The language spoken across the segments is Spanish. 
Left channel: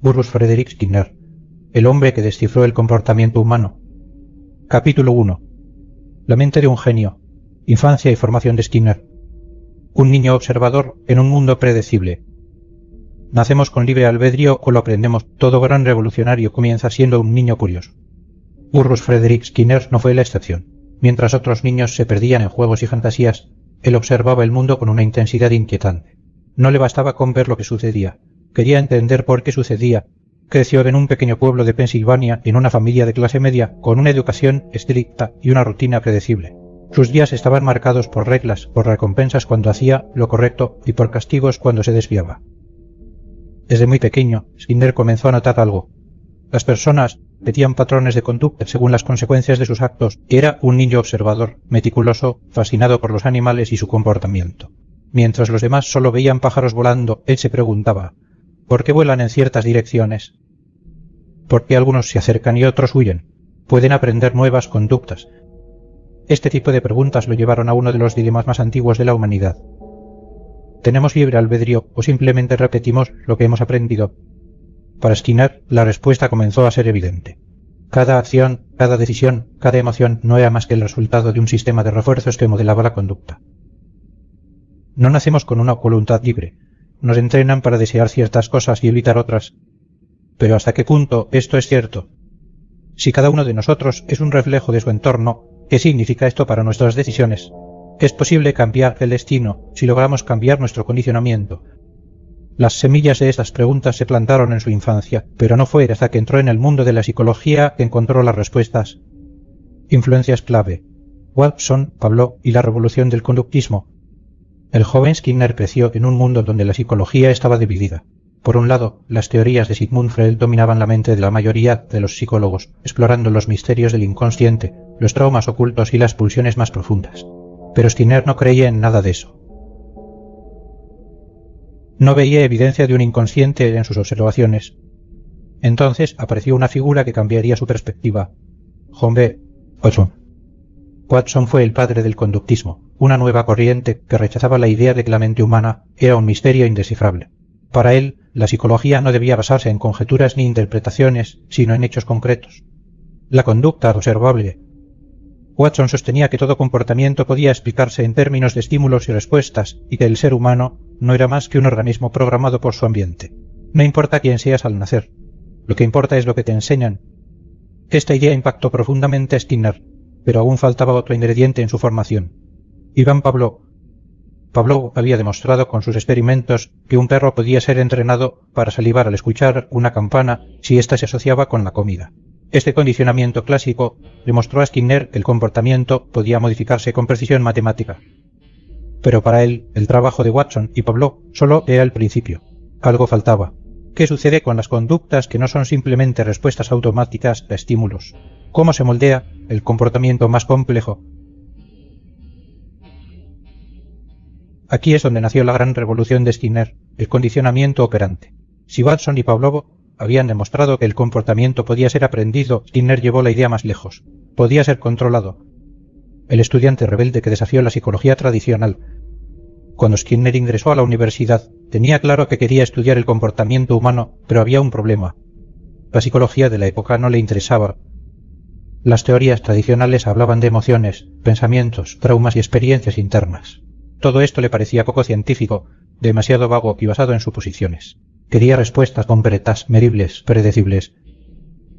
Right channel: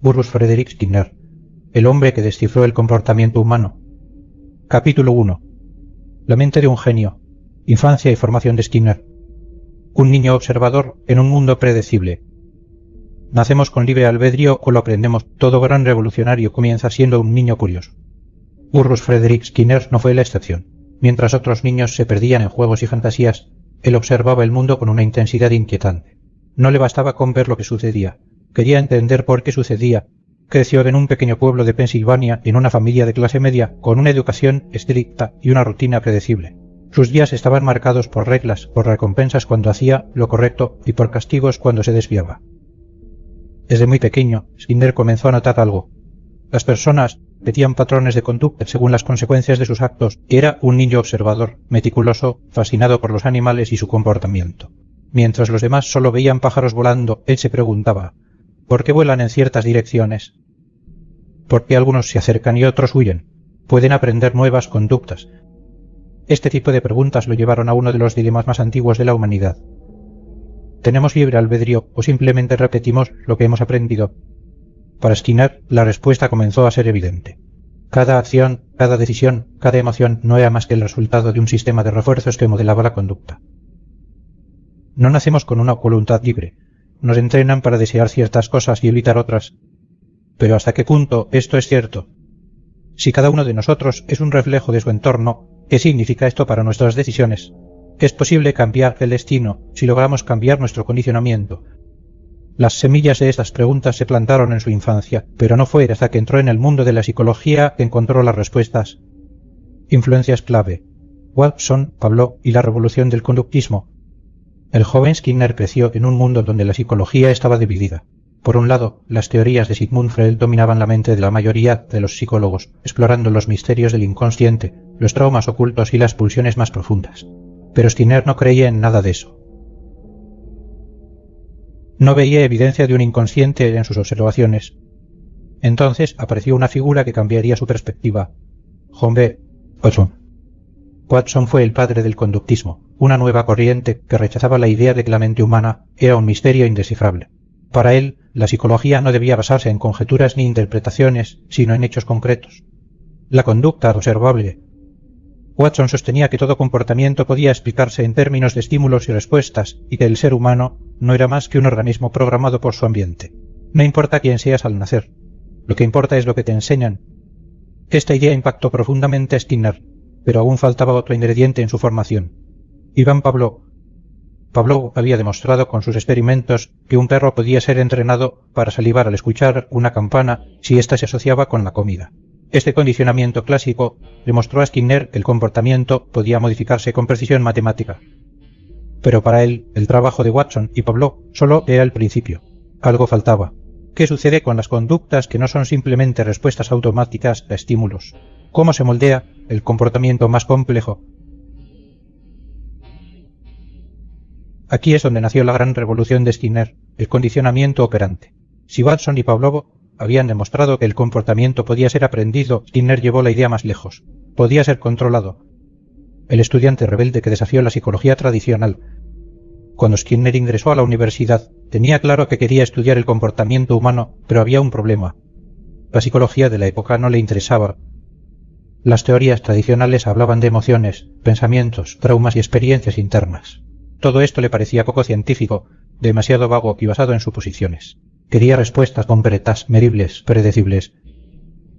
Burrus Frederick Skinner, el hombre que descifró el comportamiento humano. Capítulo 1. La mente de un genio. Infancia y formación de Skinner. Un niño observador en un mundo predecible. ¿Nacemos con libre albedrío o lo aprendemos? Todo gran revolucionario comienza siendo un niño curioso. Burrus Frederick Skinner no fue la excepción. Mientras otros niños se perdían en juegos y fantasías, él observaba el mundo con una intensidad inquietante. No le bastaba con ver lo que sucedía. Quería entender por qué sucedía. Creció en un pequeño pueblo de Pensilvania, en una familia de clase media, con una educación estricta y una rutina predecible. Sus días estaban marcados por reglas, por recompensas cuando hacía lo correcto y por castigos cuando se desviaba. Desde muy pequeño, Skinner comenzó a notar algo. Las personas repetían patrones de conducta según las consecuencias de sus actos. Era un niño observador, meticuloso, fascinado por los animales y su comportamiento. Mientras los demás solo veían pájaros volando, él se preguntaba: ¿por qué vuelan en ciertas direcciones? ¿Por qué algunos se acercan y otros huyen? ¿Pueden aprender nuevas conductas? Este tipo de preguntas lo llevaron a uno de los dilemas más antiguos de la humanidad. ¿Tenemos libre albedrío o simplemente repetimos lo que hemos aprendido? Para Skinner, la respuesta comenzó a ser evidente. Cada acción, cada decisión, cada emoción no era más que el resultado de un sistema de refuerzos que modelaba la conducta. No nacemos con una voluntad libre. Nos entrenan para desear ciertas cosas y evitar otras. Pero ¿hasta qué punto esto es cierto? Si cada uno de nosotros es un reflejo de su entorno, ¿qué significa esto para nuestras decisiones? ¿Es posible cambiar el destino si logramos cambiar nuestro condicionamiento? Las semillas de esas preguntas se plantaron en su infancia, pero no fue hasta que entró en el mundo de la psicología que encontró las respuestas. Influencias clave: Watson, Pavlov y la revolución del conductismo. El joven Skinner creció en un mundo donde la psicología estaba dividida. Por un lado, las teorías de Sigmund Freud dominaban la mente de la mayoría de los psicólogos, explorando los misterios del inconsciente, los traumas ocultos y las pulsiones más profundas. Pero Skinner no creía en nada de eso. No veía evidencia de un inconsciente en sus observaciones. Entonces apareció una figura que cambiaría su perspectiva. John B. Watson. Watson fue el padre del conductismo, una nueva corriente que rechazaba la idea de que la mente humana era un misterio indescifrable. Para él, la psicología no debía basarse en conjeturas ni interpretaciones, sino en hechos concretos. La conducta observable. Watson sostenía que todo comportamiento podía explicarse en términos de estímulos y respuestas, y que el ser humano no era más que un organismo programado por su ambiente. No importa quién seas al nacer, lo que importa es lo que te enseñan. Esta idea impactó profundamente a Skinner, pero aún faltaba otro ingrediente en su formación. Iván Pavlov. Pavlov había demostrado con sus experimentos que un perro podía ser entrenado para salivar al escuchar una campana si ésta se asociaba con la comida. Este condicionamiento clásico demostró a Skinner que el comportamiento podía modificarse con precisión matemática. Pero para él, el trabajo de Watson y Pavlov solo era el principio. Algo faltaba. ¿Qué sucede con las conductas que no son simplemente respuestas automáticas a estímulos? ¿Cómo se moldea el comportamiento más complejo? Aquí es donde nació la gran revolución de Skinner, el condicionamiento operante. Si Watson y Pavlov habían demostrado que el comportamiento podía ser aprendido, Skinner llevó la idea más lejos. Podía ser controlado. El estudiante rebelde que desafió la psicología tradicional. Cuando Skinner ingresó a la universidad, tenía claro que quería estudiar el comportamiento humano, pero había un problema. La psicología de la época no le interesaba. Las teorías tradicionales hablaban de emociones, pensamientos, traumas y experiencias internas. Todo esto le parecía poco científico, demasiado vago y basado en suposiciones. Quería respuestas concretas, medibles, predecibles.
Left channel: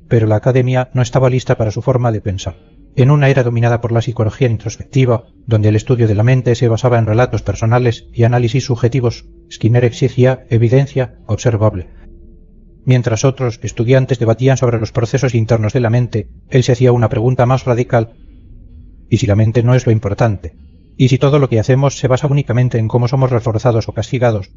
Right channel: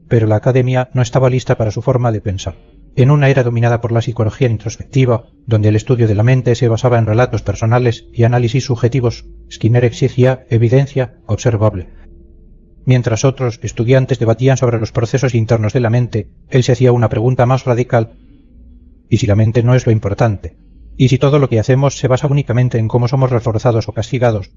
Pero la academia no estaba lista para su forma de pensar. En una era dominada por la psicología introspectiva, donde el estudio de la mente se basaba en relatos personales y análisis subjetivos, Skinner exigía evidencia observable. Mientras otros estudiantes debatían sobre los procesos internos de la mente, él se hacía una pregunta más radical. ¿Y si la mente no es lo importante? ¿Y si todo lo que hacemos se basa únicamente en cómo somos reforzados o castigados?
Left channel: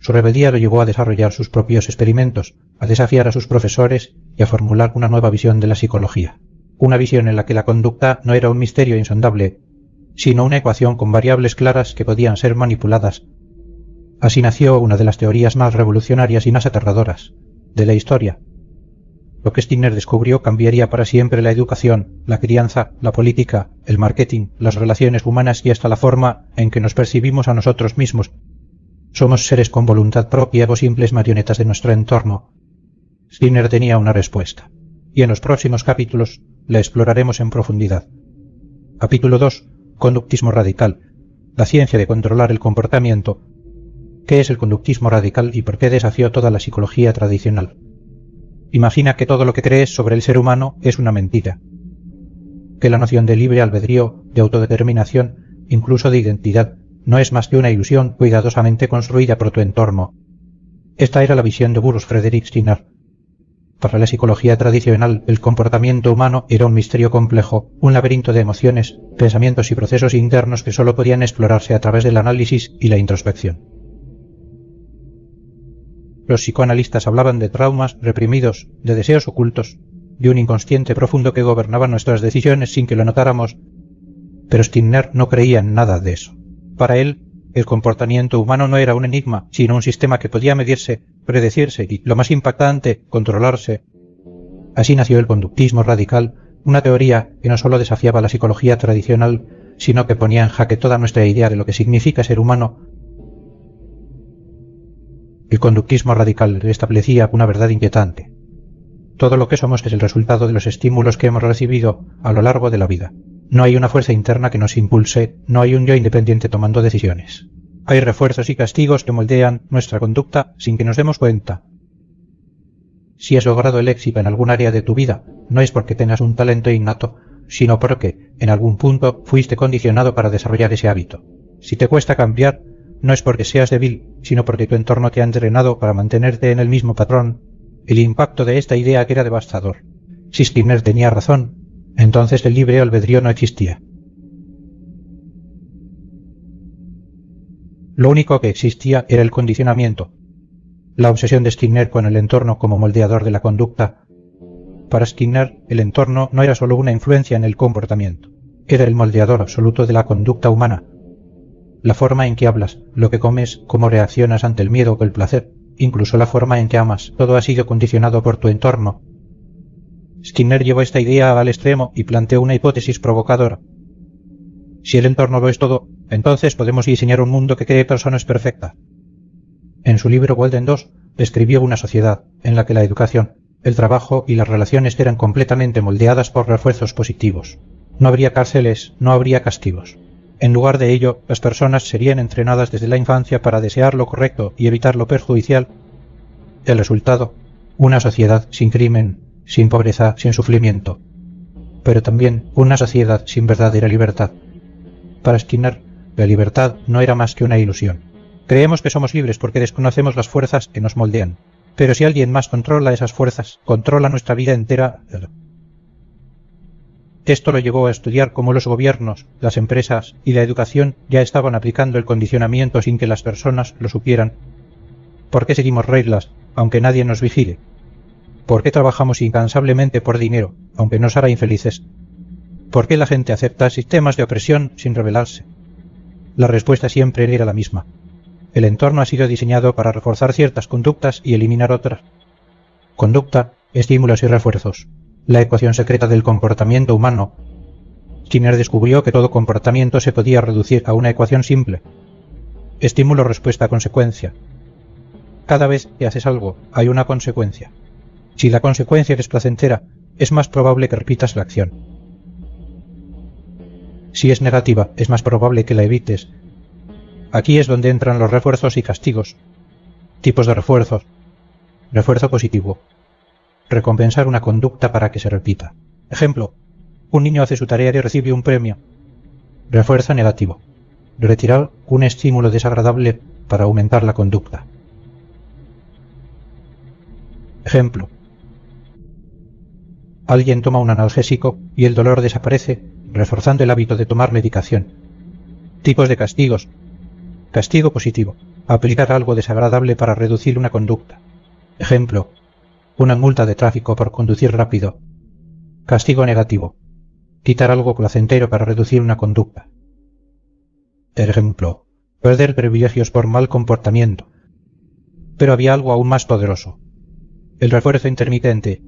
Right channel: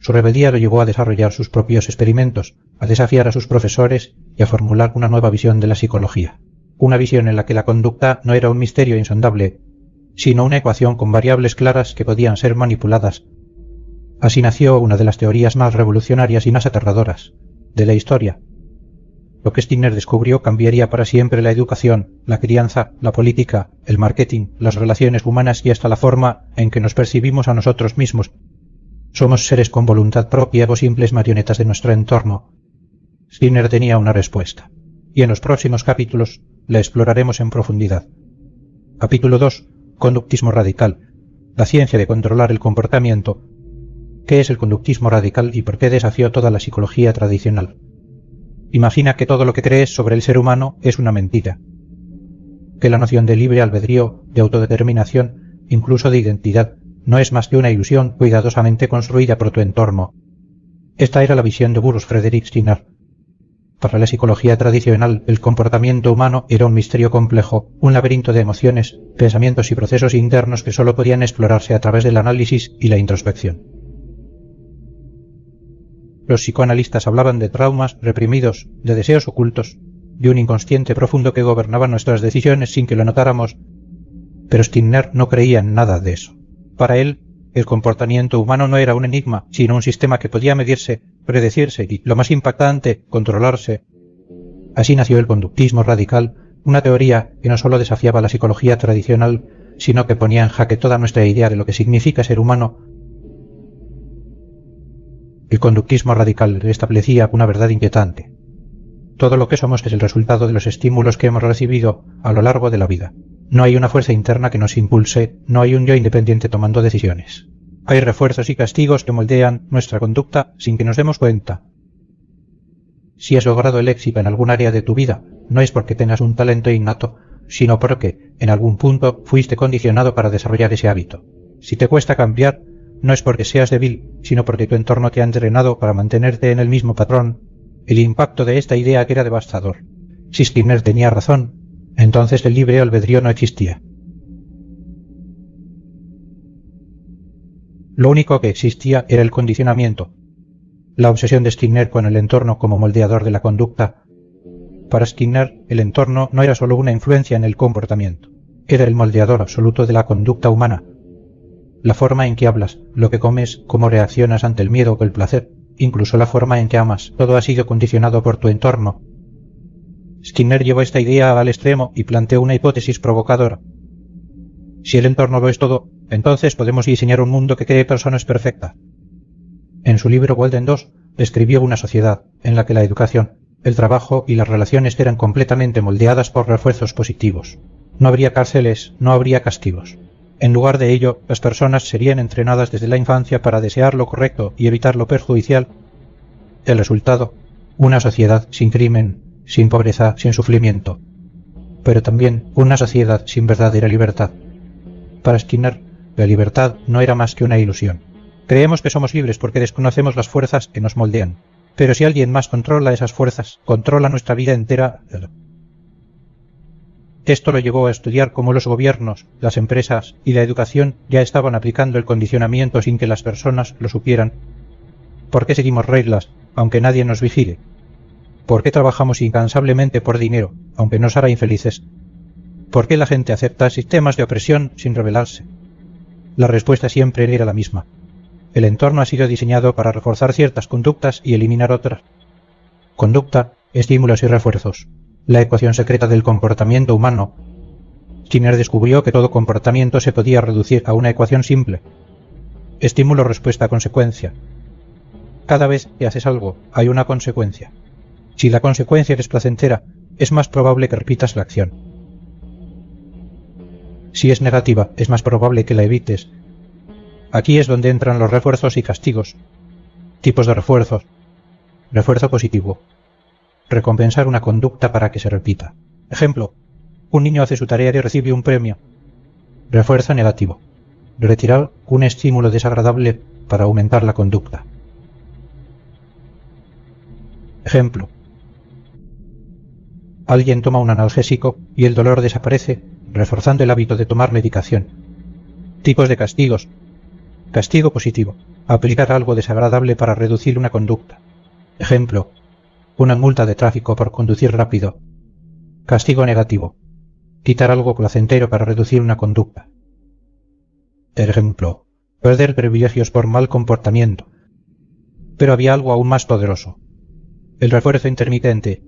Su rebeldía lo llevó a desarrollar sus propios experimentos, a desafiar a sus profesores y a formular una nueva visión de la psicología. Una visión en la que la conducta no era un misterio insondable, sino una ecuación con variables claras que podían ser manipuladas. Así nació una de las teorías más revolucionarias y más aterradoras de la historia. Lo que Skinner descubrió cambiaría para siempre la educación, la crianza, la política, el marketing, las relaciones humanas y hasta la forma en que nos percibimos a nosotros mismos. Somos seres con voluntad propia o simples marionetas de nuestro entorno. Skinner tenía una respuesta, y en los próximos capítulos la exploraremos en profundidad. Capítulo 2. Conductismo radical. La ciencia de controlar el comportamiento. ¿Qué es el conductismo radical y por qué desafió toda la psicología tradicional? Imagina que todo lo que crees sobre el ser humano es una mentira. Que la noción de libre albedrío, de autodeterminación, incluso de identidad, no es más que una ilusión cuidadosamente construida por tu entorno. Esta era la visión de Bruce Frederick Skinner. Para la psicología tradicional, el comportamiento humano era un misterio complejo, un laberinto de emociones, pensamientos y procesos internos que solo podían explorarse a través del análisis y la introspección. Los psicoanalistas hablaban de traumas reprimidos, de deseos ocultos, de un inconsciente profundo que gobernaba nuestras decisiones sin que lo notáramos, pero Skinner no creía en nada de eso. Para él, el comportamiento humano no era un enigma, sino un sistema que podía medirse, predecirse y, lo más impactante, controlarse. Así nació el conductismo radical, una teoría que no solo desafiaba la psicología tradicional, sino que ponía en jaque toda nuestra idea de lo que significa ser humano. El conductismo radical establecía una verdad inquietante. Todo lo que somos es el resultado de los estímulos que hemos recibido a lo largo de la vida. No hay una fuerza interna que nos impulse, no hay un yo independiente tomando decisiones. Hay refuerzos y castigos que moldean nuestra conducta sin que nos demos cuenta. Si has logrado el éxito en algún área de tu vida, no es porque tengas un talento innato, sino porque, en algún punto, fuiste condicionado para desarrollar ese hábito. Si te cuesta cambiar, no es porque seas débil, sino porque tu entorno te ha entrenado para mantenerte en el mismo patrón. El impacto de esta idea era devastador. Si Skinner tenía razón, entonces el libre albedrío no existía. Lo único que existía era el condicionamiento, la obsesión de Skinner con el entorno como moldeador de la conducta. Para Skinner, el entorno no era solo una influencia en el comportamiento, era el moldeador absoluto de la conducta humana. La forma en que hablas, lo que comes, cómo reaccionas ante el miedo o el placer, incluso la forma en que amas, todo ha sido condicionado por tu entorno. Skinner llevó esta idea al extremo y planteó una hipótesis provocadora. Si el entorno lo es todo, entonces podemos diseñar un mundo que cree personas perfectas. En su libro Golden 2 describió una sociedad en la que la educación, el trabajo y las relaciones eran completamente moldeadas por refuerzos positivos. No habría cárceles, no habría castigos. En lugar de ello, las personas serían entrenadas desde la infancia para desear lo correcto y evitar lo perjudicial. El resultado, una sociedad sin crimen, sin pobreza, sin sufrimiento. Pero también una sociedad sin verdadera libertad. Para Skinner, la libertad no era más que una ilusión. Creemos que somos libres porque desconocemos las fuerzas que nos moldean. Pero si alguien más controla esas fuerzas, controla nuestra vida entera. Esto lo llevó a estudiar cómo los gobiernos, las empresas y la educación ya estaban aplicando el condicionamiento sin que las personas lo supieran. ¿Por qué seguimos reglas, aunque nadie nos vigile? ¿Por qué trabajamos incansablemente por dinero, aunque nos hará infelices? ¿Por qué la gente acepta sistemas de opresión sin rebelarse? La respuesta siempre era la misma. El entorno ha sido diseñado para reforzar ciertas conductas y eliminar otras. Conducta, estímulos y refuerzos. La ecuación secreta del comportamiento humano. Skinner descubrió que todo comportamiento se podía reducir a una ecuación simple. Estímulo, respuesta, consecuencia. Cada vez que haces algo, hay una consecuencia. Si la consecuencia es placentera, es más probable que repitas la acción. Si es negativa, es más probable que la evites. Aquí es donde entran los refuerzos y castigos. Tipos de refuerzos. Refuerzo positivo. Recompensar una conducta para que se repita. Ejemplo, un niño hace su tarea y recibe un premio. Refuerzo negativo. Retirar un estímulo desagradable para aumentar la conducta. Ejemplo, alguien toma un analgésico y el dolor desaparece, reforzando el hábito de tomar medicación. Tipos de castigos. Castigo positivo. Aplicar algo desagradable para reducir una conducta. Ejemplo, una multa de tráfico por conducir rápido. Castigo negativo. Quitar algo placentero para reducir una conducta. Ejemplo, perder privilegios por mal comportamiento. Pero había algo aún más poderoso. El refuerzo intermitente.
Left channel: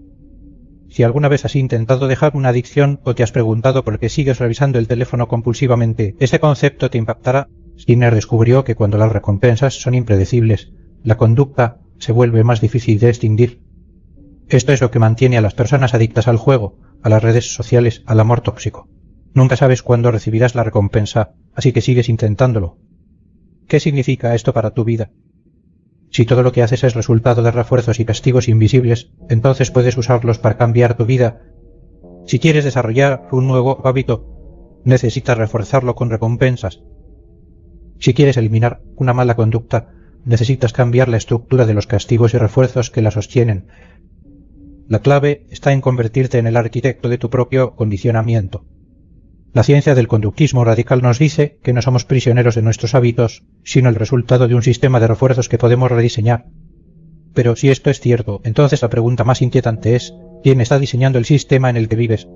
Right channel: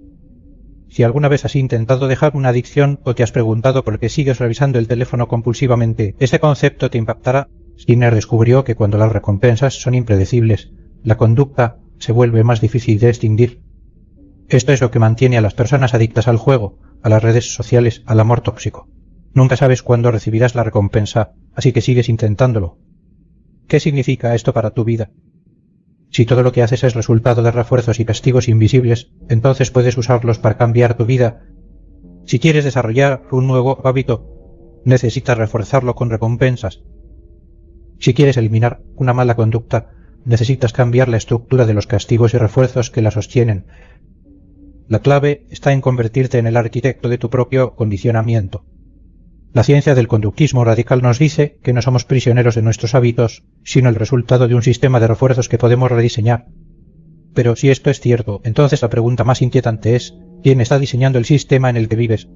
Si alguna vez has intentado dejar una adicción o te has preguntado por qué sigues revisando el teléfono compulsivamente, este concepto te impactará. Skinner descubrió que cuando las recompensas son impredecibles, la conducta se vuelve más difícil de extinguir. Esto es lo que mantiene a las personas adictas al juego, a las redes sociales, al amor tóxico. Nunca sabes cuándo recibirás la recompensa, así que sigues intentándolo. ¿Qué significa esto para tu vida? Si todo lo que haces es resultado de refuerzos y castigos invisibles, entonces puedes usarlos para cambiar tu vida. Si quieres desarrollar un nuevo hábito, necesitas reforzarlo con recompensas. Si quieres eliminar una mala conducta, necesitas cambiar la estructura de los castigos y refuerzos que la sostienen. La clave está en convertirte en el arquitecto de tu propio condicionamiento. La ciencia del conductismo radical nos dice que no somos prisioneros de nuestros hábitos, sino el resultado de un sistema de refuerzos que podemos rediseñar. Pero si esto es cierto, entonces la pregunta más inquietante es, ¿quién está diseñando el sistema en el que vives?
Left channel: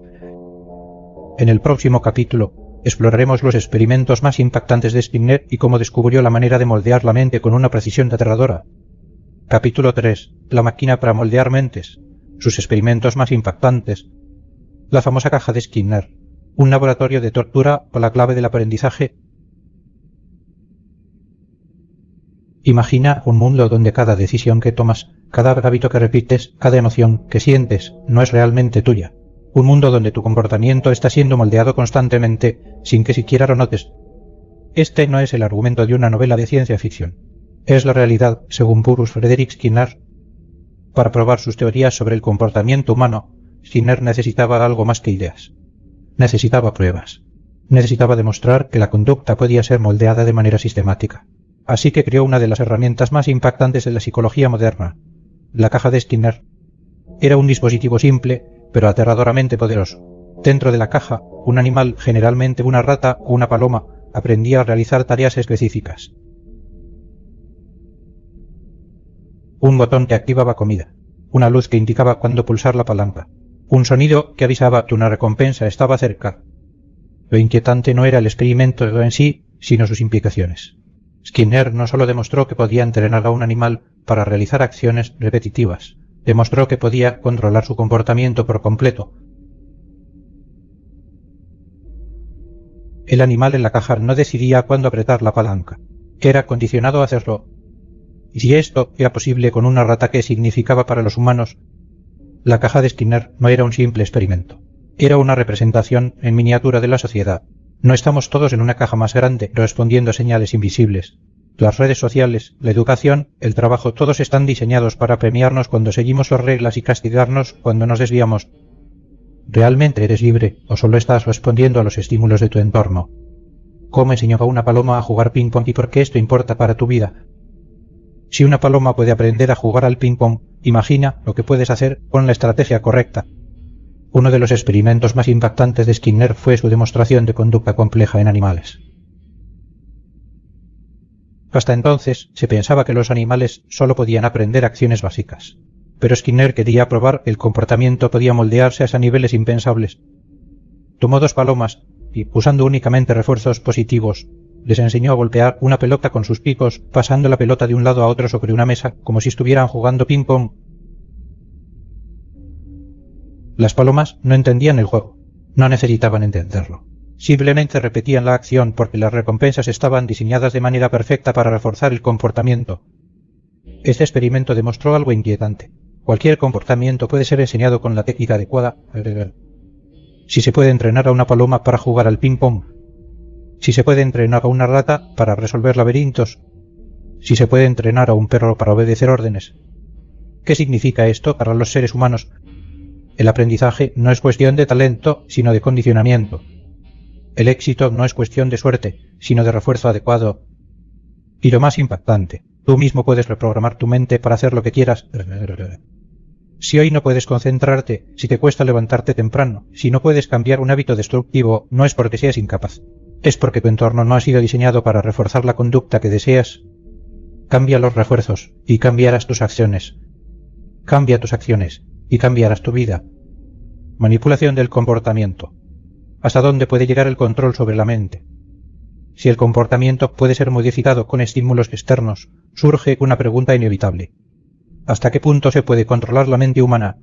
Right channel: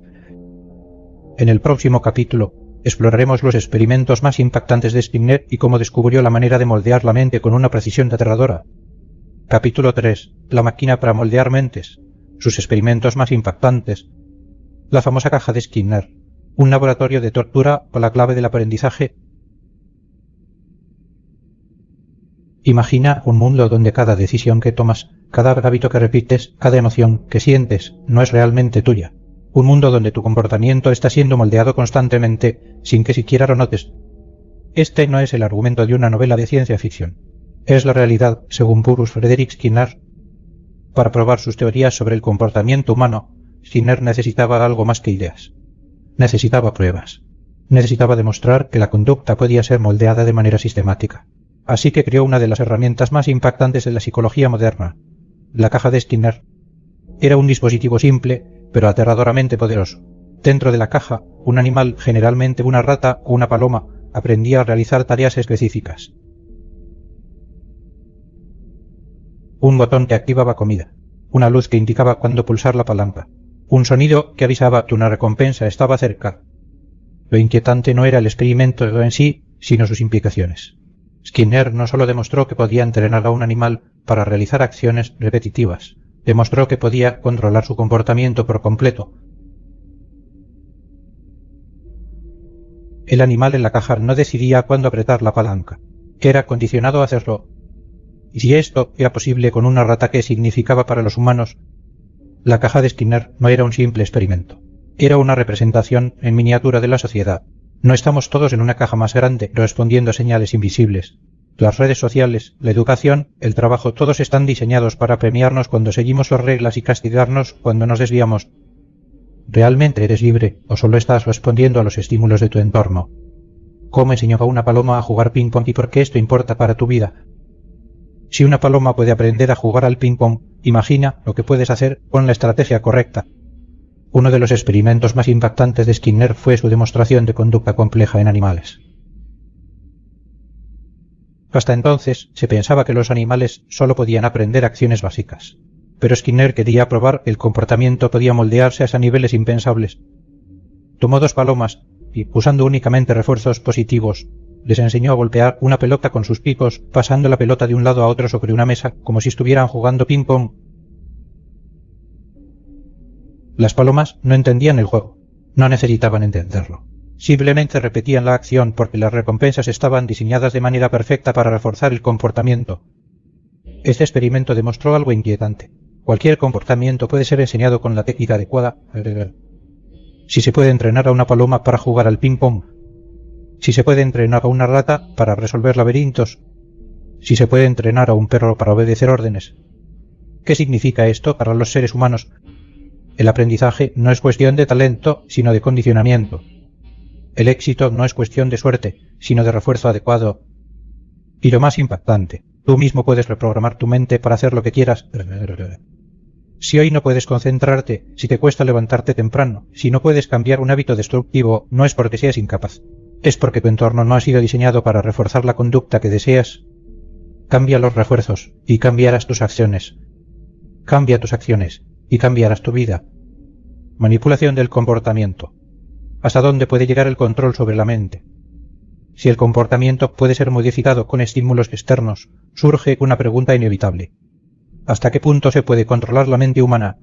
En el próximo capítulo exploraremos los experimentos más impactantes de Skinner y cómo descubrió la manera de moldear la mente con una precisión aterradora. Capítulo 3. La máquina para moldear mentes. Sus experimentos más impactantes. La famosa caja de Skinner. Un laboratorio de tortura con la clave del aprendizaje. Imagina un mundo donde cada decisión que tomas, cada hábito que repites, cada emoción que sientes no es realmente tuya. Un mundo donde tu comportamiento está siendo moldeado constantemente sin que siquiera lo notes. Este no es el argumento de una novela de ciencia ficción. Es la realidad, según Bruce Frederick Skinner. Para probar sus teorías sobre el comportamiento humano, Skinner necesitaba algo más que ideas. Necesitaba pruebas. Necesitaba demostrar que la conducta podía ser moldeada de manera sistemática. Así que creó una de las herramientas más impactantes en la psicología moderna, la caja de Skinner. Era un dispositivo simple, pero aterradoramente poderoso. Dentro de la caja, un animal, generalmente una rata o una paloma, aprendía a realizar tareas específicas. Un botón que activaba comida, una luz que indicaba cuándo pulsar la palanca, un sonido que avisaba que una recompensa estaba cerca. Lo inquietante no era el experimento en sí, sino sus implicaciones. Skinner no solo demostró que podía entrenar a un animal para realizar acciones repetitivas, demostró que podía controlar su comportamiento por completo. El animal en la caja no decidía cuándo apretar la palanca, era condicionado a hacerlo. Y si esto era posible con una rata, ¿qué significaba para los humanos? La caja de Skinner no era un simple experimento. Era una representación en miniatura de la sociedad. No estamos todos en una caja más grande, respondiendo a señales invisibles. Las redes sociales, la educación, el trabajo, todos están diseñados para premiarnos cuando seguimos sus reglas y castigarnos cuando nos desviamos. ¿Realmente eres libre o solo estás respondiendo a los estímulos de tu entorno? ¿Cómo enseñó a una paloma a jugar ping-pong y por qué esto importa para tu vida? Si una paloma puede aprender a jugar al ping-pong, imagina lo que puedes hacer con la estrategia correcta. Uno de los experimentos más impactantes de Skinner fue su demostración de conducta compleja en animales. Hasta entonces se pensaba que los animales solo podían aprender acciones básicas, pero Skinner quería probar que el comportamiento podía moldearse hasta niveles impensables. Tomó dos palomas y, usando únicamente refuerzos positivos, les enseñó a golpear una pelota con sus picos, pasando la pelota de un lado a otro sobre una mesa, como si estuvieran jugando ping-pong. Las palomas no entendían el juego, no necesitaban entenderlo. Simplemente repetían la acción porque las recompensas estaban diseñadas de manera perfecta para reforzar el comportamiento. Este experimento demostró algo inquietante. Cualquier comportamiento puede ser enseñado con la técnica adecuada. Si se puede entrenar a una paloma para jugar al ping-pong, si se puede entrenar a una rata para resolver laberintos, si se puede entrenar a un perro para obedecer órdenes. ¿Qué significa esto para los seres humanos? El aprendizaje no es cuestión de talento, sino de condicionamiento. El éxito no es cuestión de suerte, sino de refuerzo adecuado. Y lo más impactante, tú mismo puedes reprogramar tu mente para hacer lo que quieras. Si hoy no puedes concentrarte, si te cuesta levantarte temprano, si no puedes cambiar un hábito destructivo, no es porque seas incapaz. Es porque tu entorno no ha sido diseñado para reforzar la conducta que deseas. Cambia los refuerzos y cambiarás tus acciones. Cambia tus acciones y cambiarás tu vida. Manipulación del comportamiento. ¿Hasta dónde puede llegar el control sobre la mente? Si el comportamiento puede ser modificado con estímulos externos, surge una pregunta inevitable. ¿Hasta qué punto se puede controlar la mente humana?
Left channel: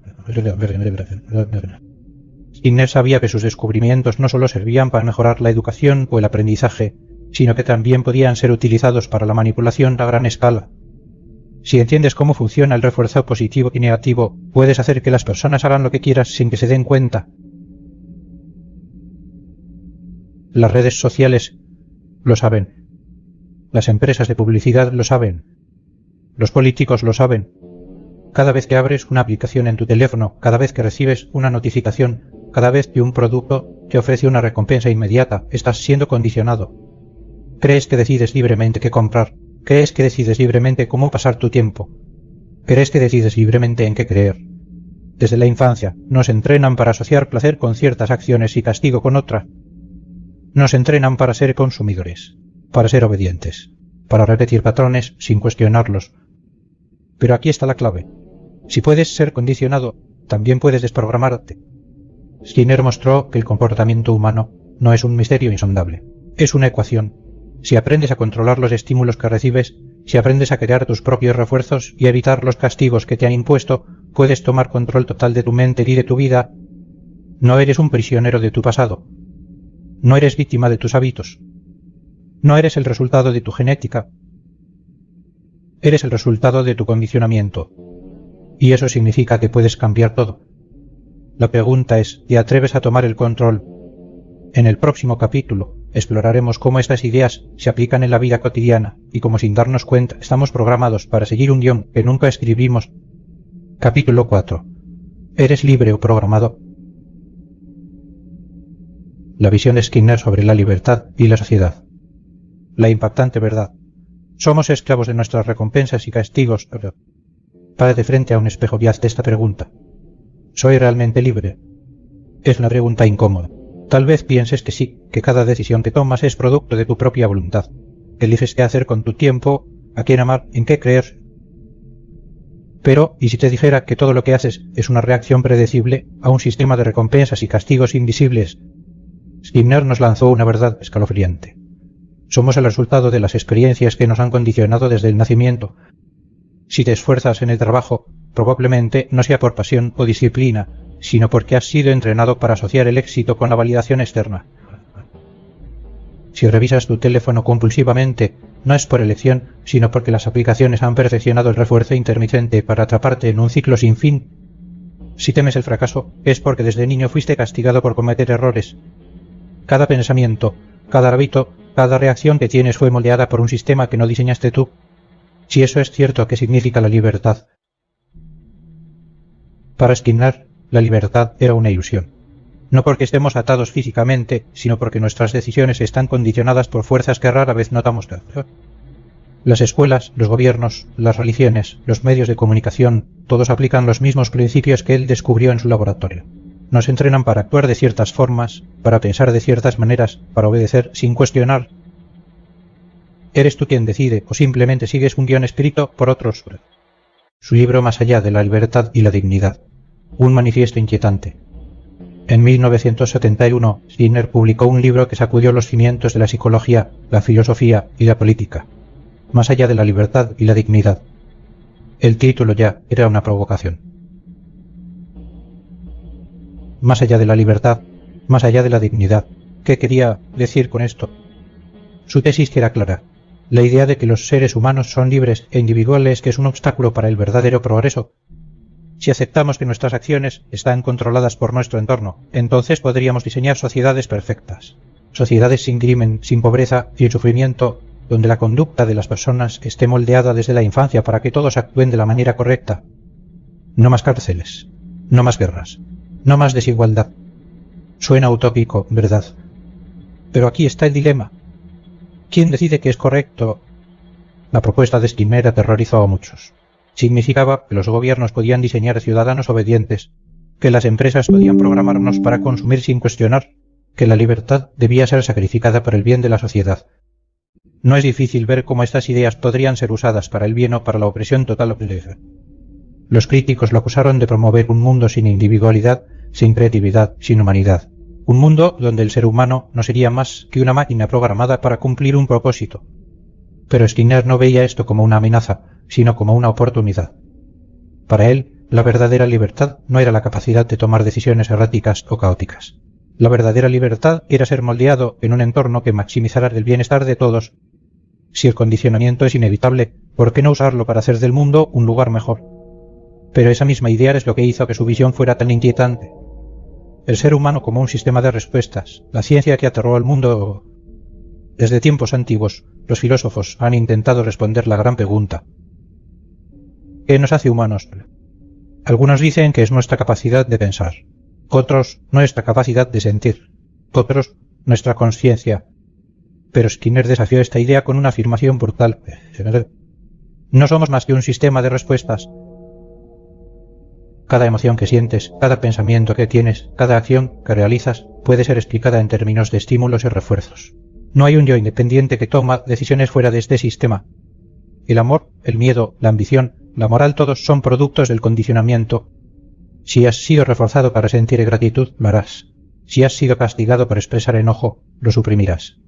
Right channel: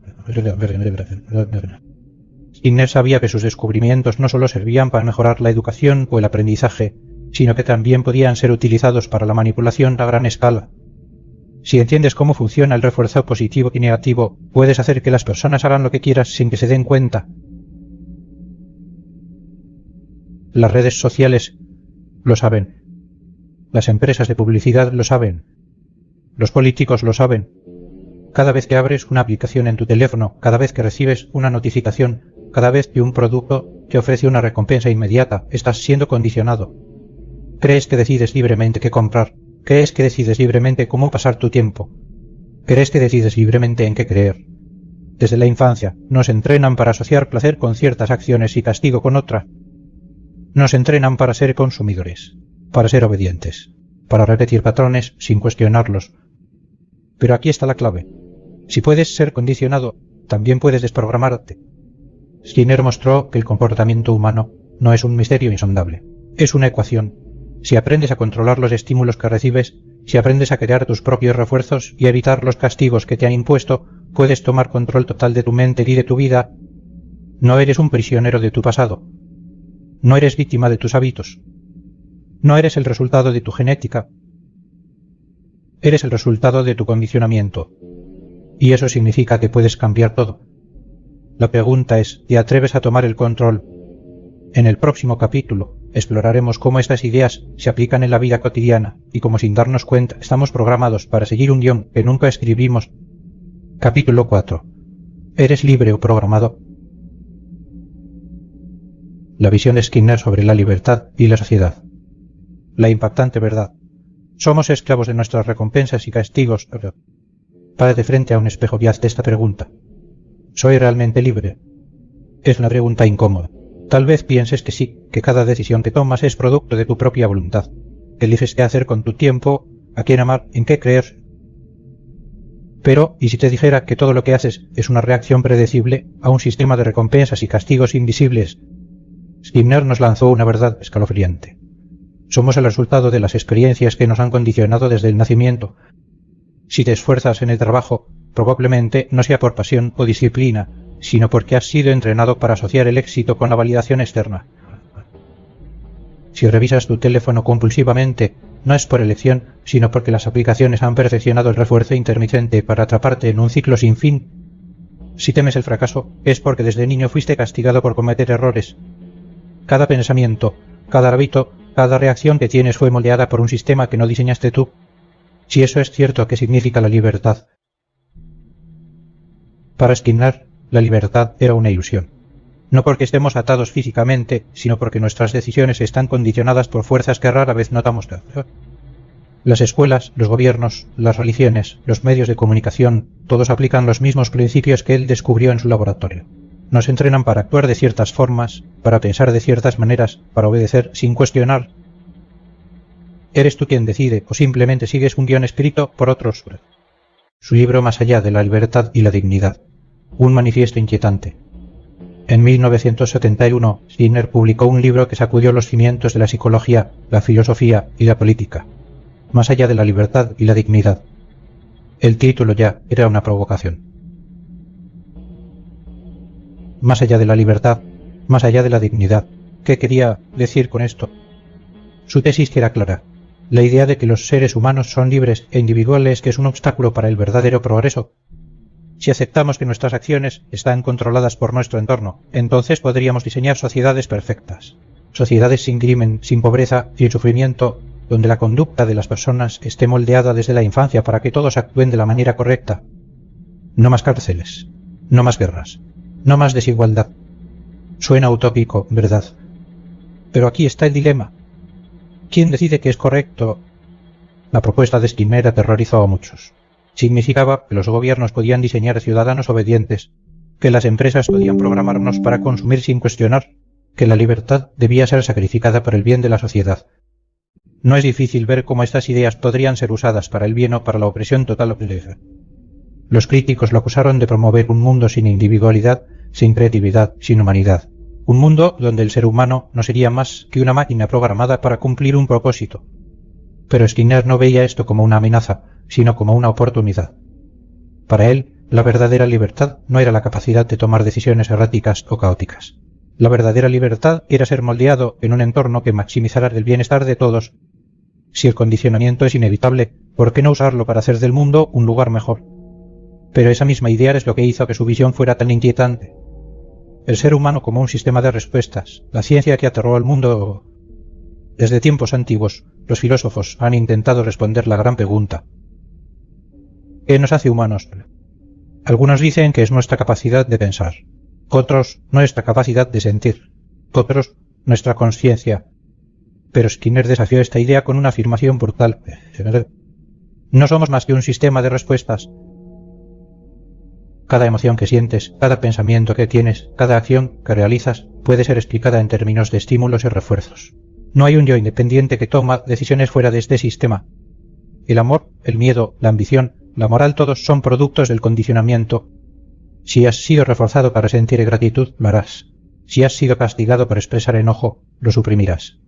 Skinner sabía que sus descubrimientos no solo servían para mejorar la educación o el aprendizaje, sino que también podían ser utilizados para la manipulación a gran escala. Si entiendes cómo funciona el refuerzo positivo y negativo, puedes hacer que las personas hagan lo que quieras sin que se den cuenta. Las redes sociales lo saben. Las empresas de publicidad lo saben. Los políticos lo saben. Cada vez que abres una aplicación en tu teléfono, cada vez que recibes una notificación, cada vez que un producto te ofrece una recompensa inmediata, estás siendo condicionado. Crees que decides libremente qué comprar. Crees que decides libremente cómo pasar tu tiempo. Crees que decides libremente en qué creer. Desde la infancia nos entrenan para asociar placer con ciertas acciones y castigo con otra. Nos entrenan para ser consumidores, para ser obedientes, para repetir patrones sin cuestionarlos. Pero aquí está la clave. Si puedes ser condicionado, también puedes desprogramarte. Skinner mostró que el comportamiento humano no es un misterio insondable, es una ecuación. Si aprendes a controlar los estímulos que recibes, si aprendes a crear tus propios refuerzos y evitar los castigos que te han impuesto, puedes tomar control total de tu mente y de tu vida. No eres un prisionero de tu pasado. No eres víctima de tus hábitos. No eres el resultado de tu genética. Eres el resultado de tu condicionamiento. Y eso significa que puedes cambiar todo. La pregunta es, ¿te atreves a tomar el control? En el próximo capítulo exploraremos cómo estas ideas se aplican en la vida cotidiana y cómo sin darnos cuenta estamos programados para seguir un guión que nunca escribimos. Capítulo 4. ¿Eres libre o programado? La visión de Skinner sobre la libertad y la sociedad. La impactante verdad. Somos esclavos de nuestras recompensas y castigos. Para de frente a un espejo y hazte esta pregunta. ¿Soy realmente libre? Es una pregunta incómoda. Tal vez pienses que sí, que cada decisión que tomas es producto de tu propia voluntad. Eliges qué hacer con tu tiempo, a quién amar, en qué creer. Pero, ¿y si te dijera que todo lo que haces es una reacción predecible a un sistema de recompensas y castigos invisibles? Skinner nos lanzó una verdad escalofriante. Somos el resultado de las experiencias que nos han condicionado desde el nacimiento. Si te esfuerzas en el trabajo, probablemente no sea por pasión o disciplina, sino porque has sido entrenado para asociar el éxito con la validación externa. Si revisas tu teléfono compulsivamente, no es por elección, sino porque las aplicaciones han perfeccionado el refuerzo intermitente para atraparte en un ciclo sin fin. Si temes el fracaso, es porque desde niño fuiste castigado por cometer errores. Cada pensamiento, cada hábito, cada reacción que tienes fue moldeada por un sistema que no diseñaste tú. Si eso es cierto, ¿qué significa la libertad? Para Skinner, la libertad era una ilusión. No porque estemos atados físicamente, sino porque nuestras decisiones están condicionadas por fuerzas que rara vez notamos causar. Las escuelas, los gobiernos, las religiones, los medios de comunicación, todos aplican los mismos principios que él descubrió en su laboratorio. Nos entrenan para actuar de ciertas formas, para pensar de ciertas maneras, para obedecer sin cuestionar. ¿Eres tú quien decide o simplemente sigues un guión escrito por otros? Su libro Más allá de la libertad y la dignidad. Un manifiesto inquietante. En 1971, Skinner publicó un libro que sacudió los cimientos de la psicología, la filosofía y la política. Más allá de la libertad y la dignidad. El título ya era una provocación. Más allá de la libertad, más allá de la dignidad. ¿Qué quería decir con esto? Su tesis era clara. La idea de que los seres humanos son libres e individuales, que es un obstáculo para el verdadero progreso. Si aceptamos que nuestras acciones están controladas por nuestro entorno, entonces podríamos diseñar sociedades perfectas. Sociedades sin crimen, sin pobreza, sin sufrimiento, donde la conducta de las personas esté moldeada desde la infancia para que todos actúen de la manera correcta. No más cárceles, no más guerras, no más desigualdad. Suena utópico, ¿verdad? Pero aquí está el dilema. ¿Quién decide que es correcto? La propuesta de Skinner aterrorizó a muchos. Significaba que los gobiernos podían diseñar ciudadanos obedientes, que las empresas podían programarnos para consumir sin cuestionar, que la libertad debía ser sacrificada por el bien de la sociedad. No es difícil ver cómo estas ideas podrían ser usadas para el bien o para la opresión total o pereza. Los críticos lo acusaron de promover un mundo sin individualidad, sin creatividad, sin humanidad. Un mundo donde el ser humano no sería más que una máquina programada para cumplir un propósito. Pero Skinner no veía esto como una amenaza, sino como una oportunidad. Para él, la verdadera libertad no era la capacidad de tomar decisiones erráticas o caóticas. La verdadera libertad era ser moldeado en un entorno que maximizara el bienestar de todos Si el condicionamiento es inevitable, ¿por qué no usarlo para hacer del mundo un lugar mejor? Pero esa misma idea es lo que hizo que su visión fuera tan inquietante. El ser humano como un sistema de respuestas, la ciencia que aterró al mundo. Desde tiempos antiguos, los filósofos han intentado responder la gran pregunta: ¿qué nos hace humanos? Algunos dicen que es nuestra capacidad de pensar, otros nuestra capacidad de sentir, otros nuestra conciencia. Pero Skinner desafió esta idea con una afirmación brutal: no somos más que un sistema de respuestas. Cada emoción que sientes, cada pensamiento que tienes, cada acción que realizas puede ser explicada en términos de estímulos y refuerzos. No hay un yo independiente que toma decisiones fuera de este sistema. El amor, el miedo, la ambición, la moral, todos son productos del condicionamiento. Si has sido reforzado para sentir gratitud, lo harás. Si has sido castigado por expresar enojo, lo suprimirás.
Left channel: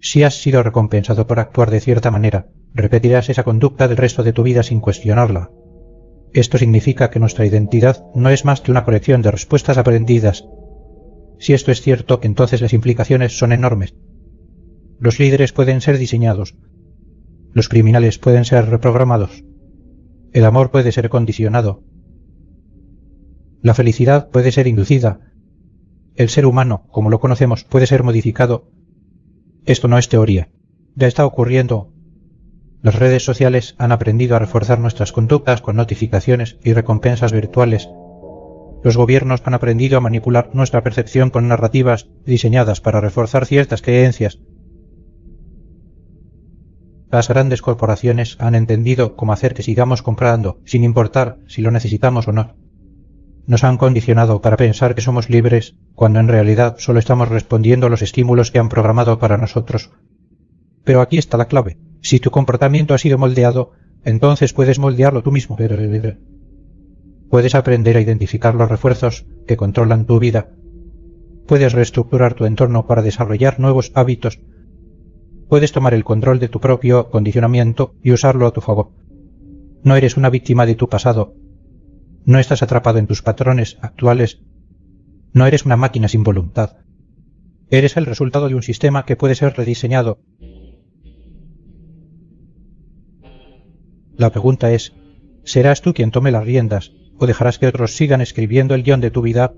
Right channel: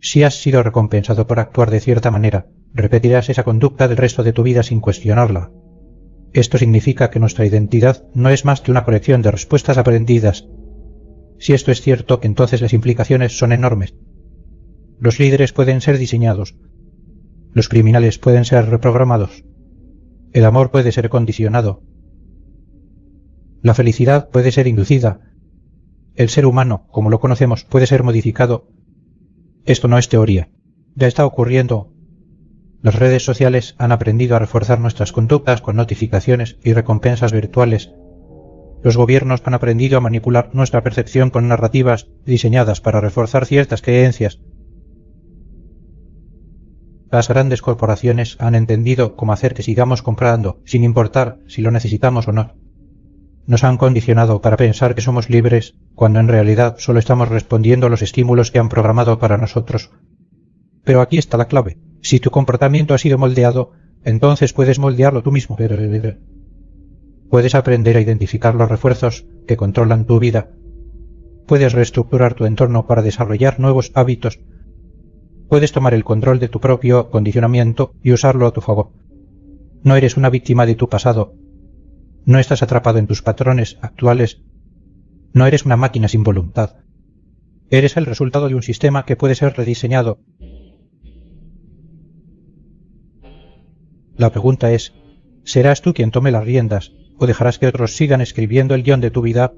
Si has sido recompensado por actuar de cierta manera, repetirás esa conducta el resto de tu vida sin cuestionarla. Esto significa que nuestra identidad no es más que una colección de respuestas aprendidas. Si esto es cierto, entonces las implicaciones son enormes. Los líderes pueden ser diseñados. Los criminales pueden ser reprogramados. El amor puede ser condicionado. La felicidad puede ser inducida. El ser humano, como lo conocemos, puede ser modificado. Esto no es teoría. Ya está ocurriendo. Las redes sociales han aprendido a reforzar nuestras conductas con notificaciones y recompensas virtuales. Los gobiernos han aprendido a manipular nuestra percepción con narrativas diseñadas para reforzar ciertas creencias. Las grandes corporaciones han entendido cómo hacer que sigamos comprando, sin importar si lo necesitamos o no. Nos han condicionado para pensar que somos libres, cuando en realidad solo estamos respondiendo a los estímulos que han programado para nosotros. Pero aquí está la clave. Si tu comportamiento ha sido moldeado, entonces puedes moldearlo tú mismo. Puedes aprender a identificar los refuerzos que controlan tu vida. Puedes reestructurar tu entorno para desarrollar nuevos hábitos. Puedes tomar el control de tu propio condicionamiento y usarlo a tu favor. No eres una víctima de tu pasado. No estás atrapado en tus patrones actuales. No eres una máquina sin voluntad. Eres el resultado de un sistema que puede ser rediseñado. La pregunta es: ¿serás tú quien tome las riendas o dejarás que otros sigan escribiendo el guión de tu vida?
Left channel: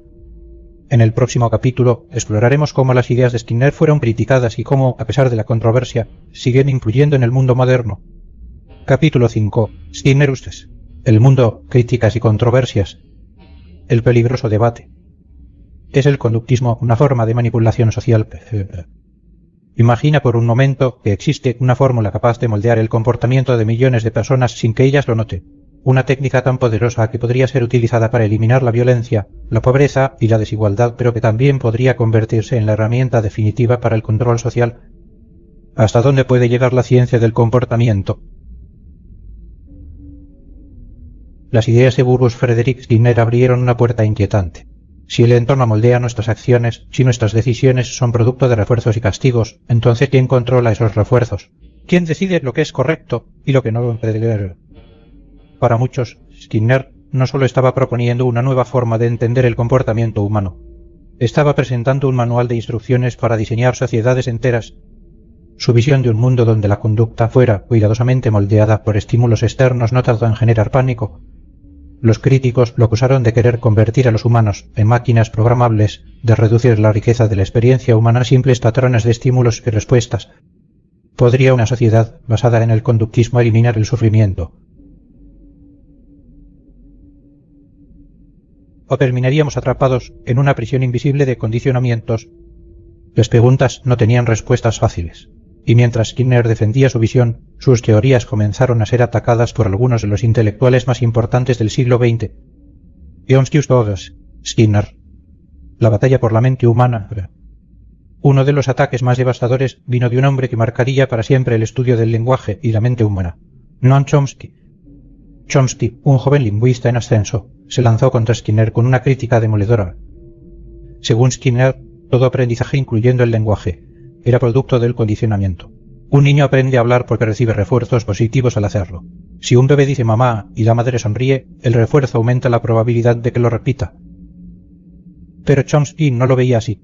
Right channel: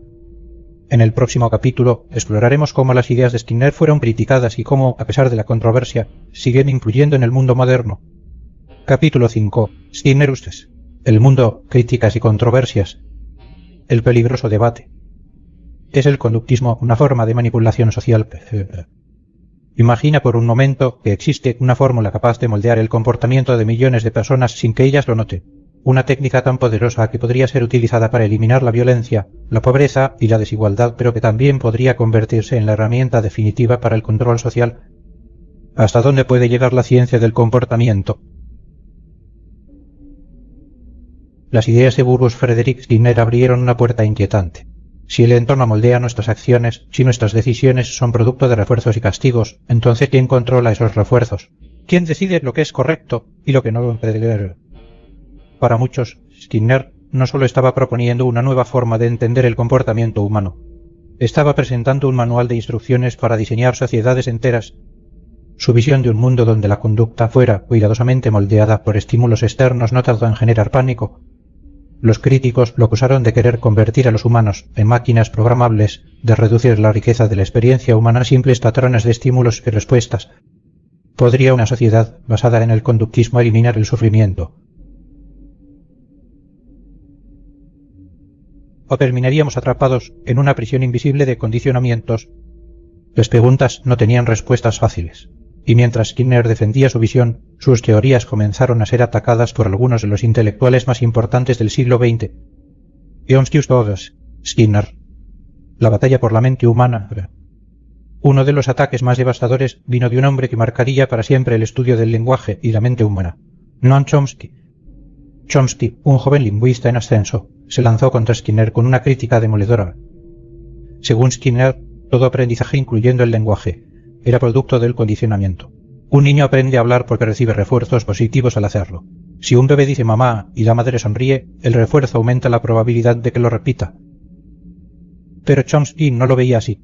En el próximo capítulo exploraremos cómo las ideas de Skinner fueron criticadas y cómo, a pesar de la controversia, siguen influyendo en el mundo moderno. Capítulo 5. Skinner Ustes. El mundo, críticas y controversias. El peligroso debate. ¿Es el conductismo una forma de manipulación social? Imagina por un momento que existe una fórmula capaz de moldear el comportamiento de millones de personas sin que ellas lo noten. Una técnica tan poderosa que podría ser utilizada para eliminar la violencia, la pobreza y la desigualdad, pero que también podría convertirse en la herramienta definitiva para el control social. ¿Hasta dónde puede llegar la ciencia del comportamiento? Las ideas de Burrus Frederick Skinner abrieron una puerta inquietante. Si el entorno moldea nuestras acciones, si nuestras decisiones son producto de refuerzos y castigos, entonces ¿quién controla esos refuerzos? ¿Quién decide lo que es correcto y lo que no lo puede? Para muchos, Skinner no solo estaba proponiendo una nueva forma de entender el comportamiento humano, estaba presentando un manual de instrucciones para diseñar sociedades enteras. Su visión de un mundo donde la conducta fuera cuidadosamente moldeada por estímulos externos no tardó en generar pánico. Los críticos lo acusaron de querer convertir a los humanos en máquinas programables, de reducir la riqueza de la experiencia humana a simples patrones de estímulos y respuestas. ¿Podría una sociedad basada en el conductismo eliminar el sufrimiento? ¿O terminaríamos atrapados en una prisión invisible de condicionamientos? Las preguntas no tenían respuestas fáciles. Y mientras Skinner defendía su visión, sus teorías comenzaron a ser atacadas por algunos de los intelectuales más importantes del siglo XX. Skinner. La batalla por la mente humana. Uno de los ataques más devastadores vino de un hombre que marcaría para siempre el estudio del lenguaje y la mente humana. Noam Chomsky. Chomsky, un joven lingüista en ascenso, se lanzó contra Skinner con una crítica demoledora. Según Skinner, todo aprendizaje, incluyendo el lenguaje, era producto del condicionamiento. Un niño aprende a hablar porque recibe refuerzos positivos al hacerlo. Si un bebé dice mamá y la madre sonríe, el refuerzo aumenta la probabilidad de que lo repita. Pero Chomsky no lo veía así.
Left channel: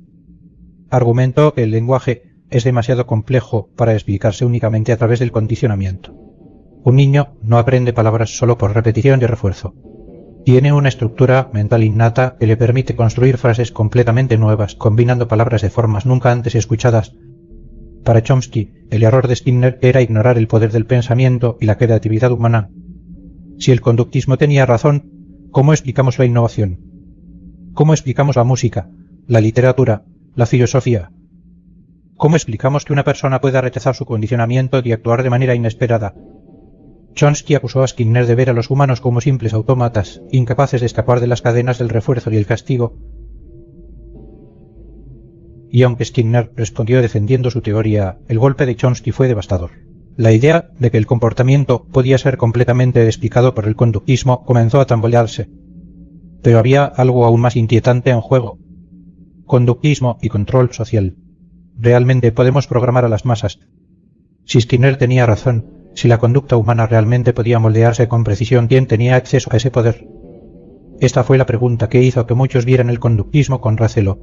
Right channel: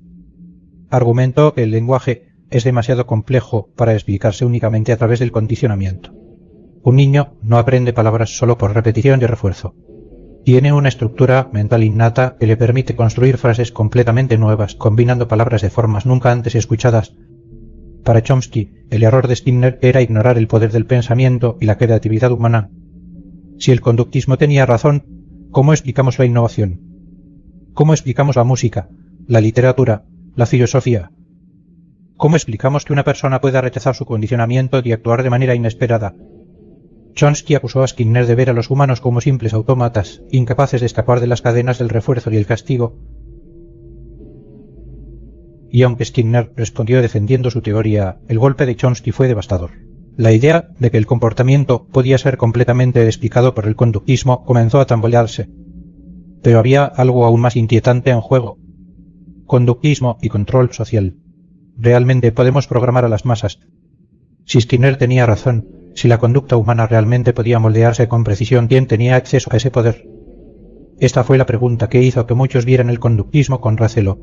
Argumentó que el lenguaje es demasiado complejo para explicarse únicamente a través del condicionamiento. Un niño no aprende palabras solo por repetición y refuerzo. Tiene una estructura mental innata que le permite construir frases completamente nuevas, combinando palabras de formas nunca antes escuchadas. Para Chomsky, el error de Skinner era ignorar el poder del pensamiento y la creatividad humana. Si el conductismo tenía razón, ¿cómo explicamos la innovación? ¿Cómo explicamos la música, la literatura, la filosofía? ¿Cómo explicamos que una persona pueda rechazar su condicionamiento y actuar de manera inesperada? Chomsky acusó a Skinner de ver a los humanos como simples autómatas, incapaces de escapar de las cadenas del refuerzo y el castigo. Y aunque Skinner respondió defendiendo su teoría, el golpe de Chomsky fue devastador. La idea de que el comportamiento podía ser completamente explicado por el conductismo comenzó a tambalearse. Pero había algo aún más inquietante en juego: conductismo y control social. Realmente podemos programar a las masas. Si Skinner tenía razón, si la conducta humana realmente podía moldearse con precisión, ¿quién tenía acceso a ese poder? Esta fue la pregunta que hizo que muchos vieran el conductismo con recelo.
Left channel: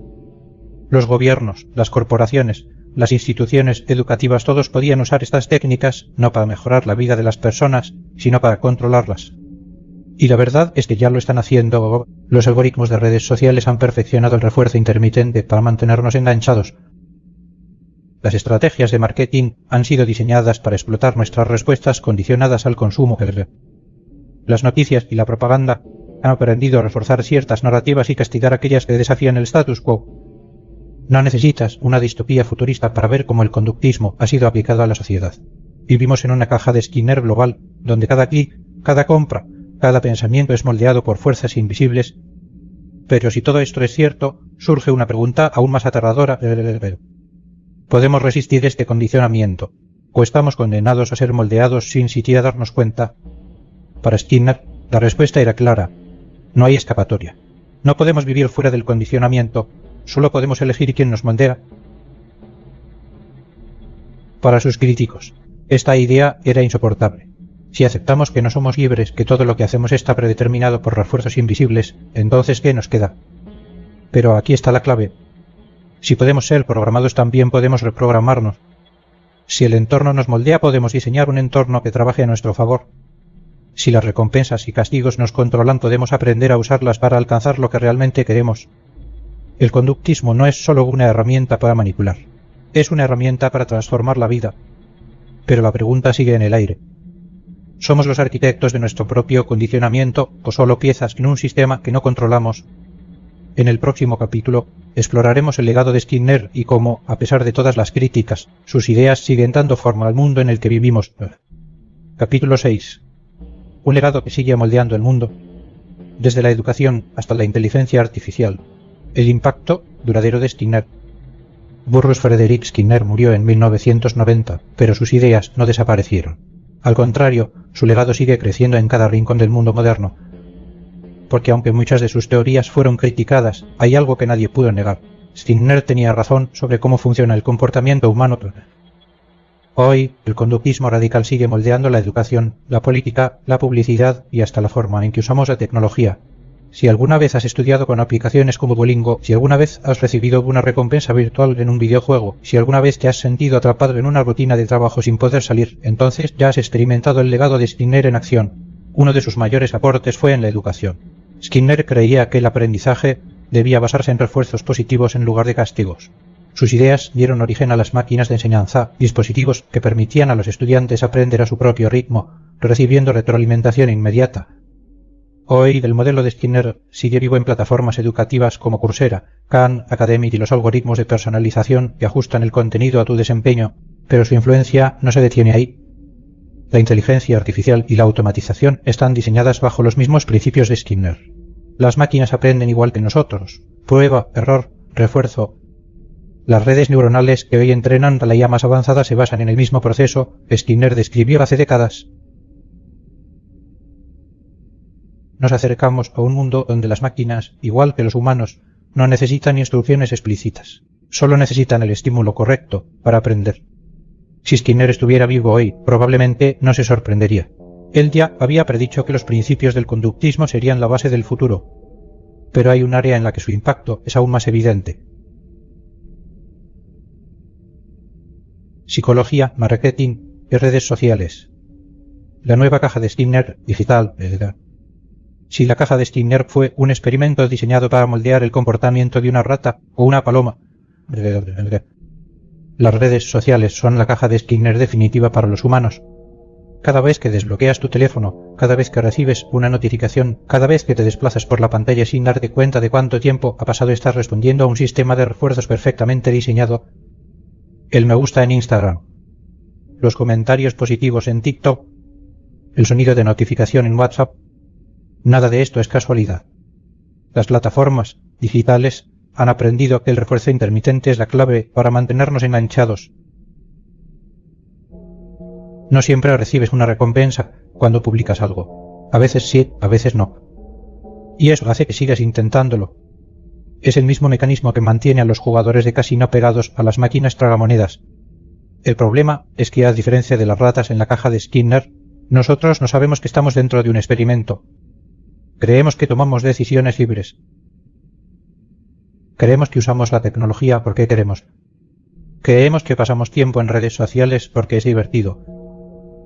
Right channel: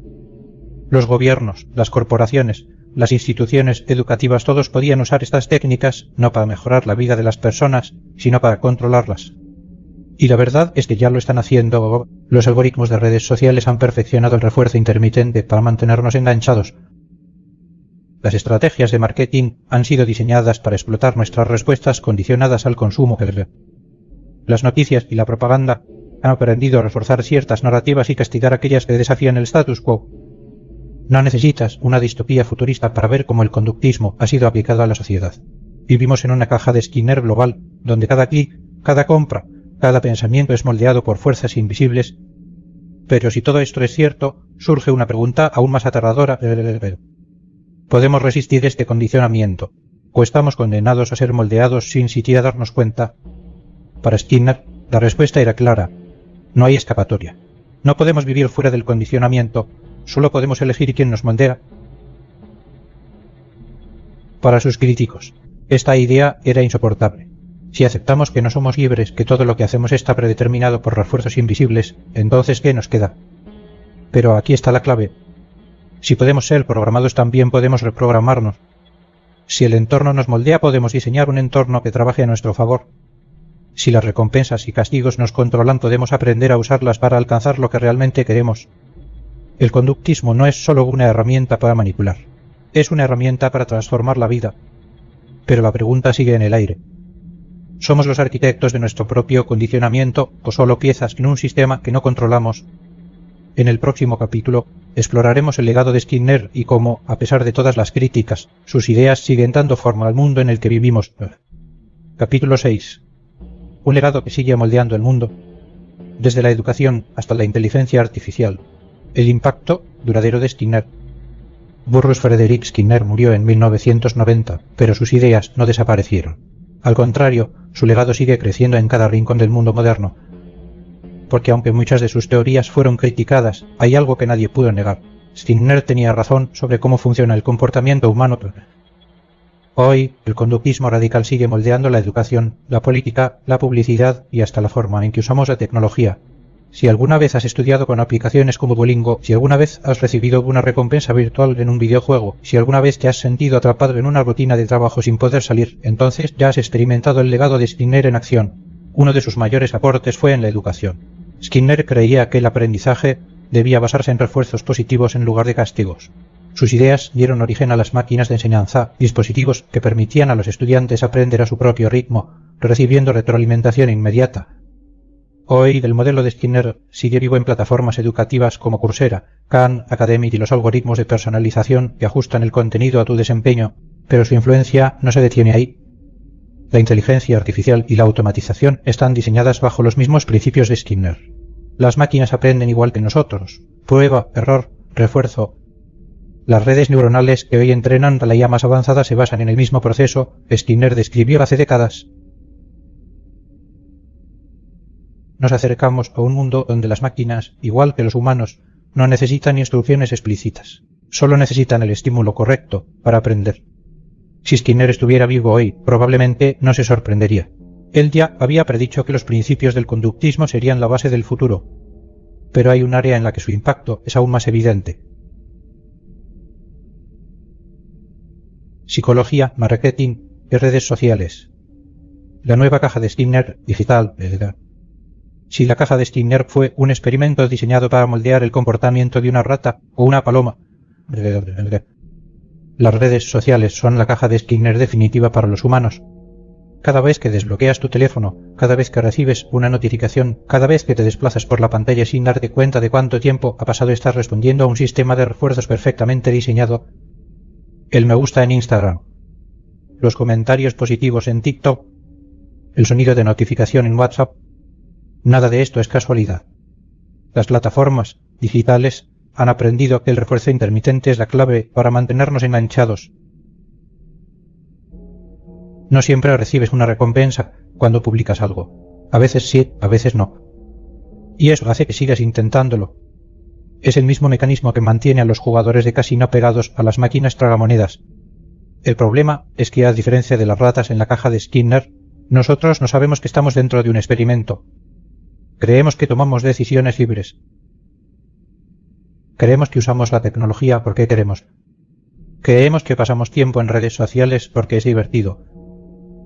Los gobiernos, las corporaciones, las instituciones educativas, todos podían usar estas técnicas no para mejorar la vida de las personas, sino para controlarlas. Y la verdad es que ya lo están haciendo. Los algoritmos de redes sociales han perfeccionado el refuerzo intermitente para mantenernos enganchados. Las estrategias de marketing han sido diseñadas para explotar nuestras respuestas condicionadas al consumo. Las noticias y la propaganda han aprendido a reforzar ciertas narrativas y castigar aquellas que desafían el status quo. No necesitas una distopía futurista para ver cómo el conductismo ha sido aplicado a la sociedad. Vivimos en una caja de Skinner global, donde cada clic, cada compra, cada pensamiento es moldeado por fuerzas invisibles. Pero si todo esto es cierto, surge una pregunta aún más aterradora. ¿Podemos resistir este condicionamiento? ¿O estamos condenados a ser moldeados sin siquiera darnos cuenta? Para Skinner, la respuesta era clara. No hay escapatoria. No podemos vivir fuera del condicionamiento. Solo podemos elegir quién nos moldea. Para sus críticos, esta idea era insoportable. Si aceptamos que no somos libres, que todo lo que hacemos está predeterminado por refuerzos invisibles, entonces ¿qué nos queda? Pero aquí está la clave. Si podemos ser programados, también podemos reprogramarnos. Si el entorno nos moldea, podemos diseñar un entorno que trabaje a nuestro favor. Si las recompensas y castigos nos controlan, podemos aprender a usarlas para alcanzar lo que realmente queremos. El conductismo no es solo una herramienta para manipular. Es una herramienta para transformar la vida. Pero la pregunta sigue en el aire. ¿Somos los arquitectos de nuestro propio condicionamiento o solo piezas en un sistema que no controlamos? En el próximo capítulo exploraremos el legado de Skinner y cómo, a pesar de todas las críticas, sus ideas siguen dando forma al mundo en el que vivimos. Capítulo 6. Un legado que sigue moldeando el mundo, desde la educación hasta la inteligencia artificial. El impacto duradero de Skinner. Burrus Frederick Skinner murió en 1990, pero sus ideas no desaparecieron. Al contrario, su legado sigue creciendo en cada rincón del mundo moderno. Porque aunque muchas de sus teorías fueron criticadas, hay algo que nadie pudo negar. Skinner tenía razón sobre cómo funciona el comportamiento humano. Hoy, el conductismo radical sigue moldeando la educación, la política, la publicidad y hasta la forma en que usamos la tecnología. Si alguna vez has estudiado con aplicaciones como Duolingo, si alguna vez has recibido alguna recompensa virtual en un videojuego, si alguna vez te has sentido atrapado en una rutina de trabajo sin poder salir, entonces ya has experimentado el legado de Skinner en acción. Uno de sus mayores aportes fue en la educación. Skinner creía que el aprendizaje debía basarse en refuerzos positivos en lugar de castigos. Sus ideas dieron origen a las máquinas de enseñanza, dispositivos que permitían a los estudiantes aprender a su propio ritmo, recibiendo retroalimentación inmediata. Hoy, el modelo de Skinner sigue vivo en plataformas educativas como Coursera, Khan Academic y los algoritmos de personalización que ajustan el contenido a tu desempeño, pero su influencia no se detiene ahí. La inteligencia artificial y la automatización están diseñadas bajo los mismos principios de Skinner. Las máquinas aprenden igual que nosotros. Prueba, error, refuerzo. Las redes neuronales que hoy entrenan a la IA más avanzada se basan en el mismo proceso que Skinner describió hace décadas. Nos acercamos a un mundo donde las máquinas, igual que los humanos, no necesitan instrucciones explícitas. Solo necesitan el estímulo correcto para aprender. Si Skinner estuviera vivo hoy, probablemente no se sorprendería. Él ya había predicho que los principios del conductismo serían la base del futuro. Pero hay un área en la que su impacto es aún más evidente. psicología, marketing y redes sociales. La nueva caja de Skinner digital, ¿verdad? Si la caja de Skinner fue un experimento diseñado para moldear el comportamiento de una rata o una paloma, las redes sociales son la caja de Skinner definitiva para los humanos. Cada vez que desbloqueas tu teléfono, cada vez que recibes una notificación, cada vez que te desplazas por la pantalla sin darte cuenta de cuánto tiempo ha pasado estás respondiendo a un sistema de refuerzos perfectamente diseñado, el me gusta en Instagram, los comentarios positivos en TikTok, el sonido de notificación en WhatsApp, nada de esto es casualidad. Las plataformas digitales han aprendido que el refuerzo intermitente es la clave para mantenernos enganchados. No siempre recibes una recompensa cuando publicas algo. A veces sí, a veces no. Y eso hace que sigas intentándolo. Es el mismo mecanismo que mantiene a los jugadores de casino pegados a las máquinas tragamonedas. El problema es que, a diferencia de las ratas en la caja de Skinner, nosotros no sabemos que estamos dentro de un experimento. Creemos que tomamos decisiones libres. Creemos que usamos la tecnología porque queremos. Creemos que pasamos tiempo en redes sociales porque es divertido.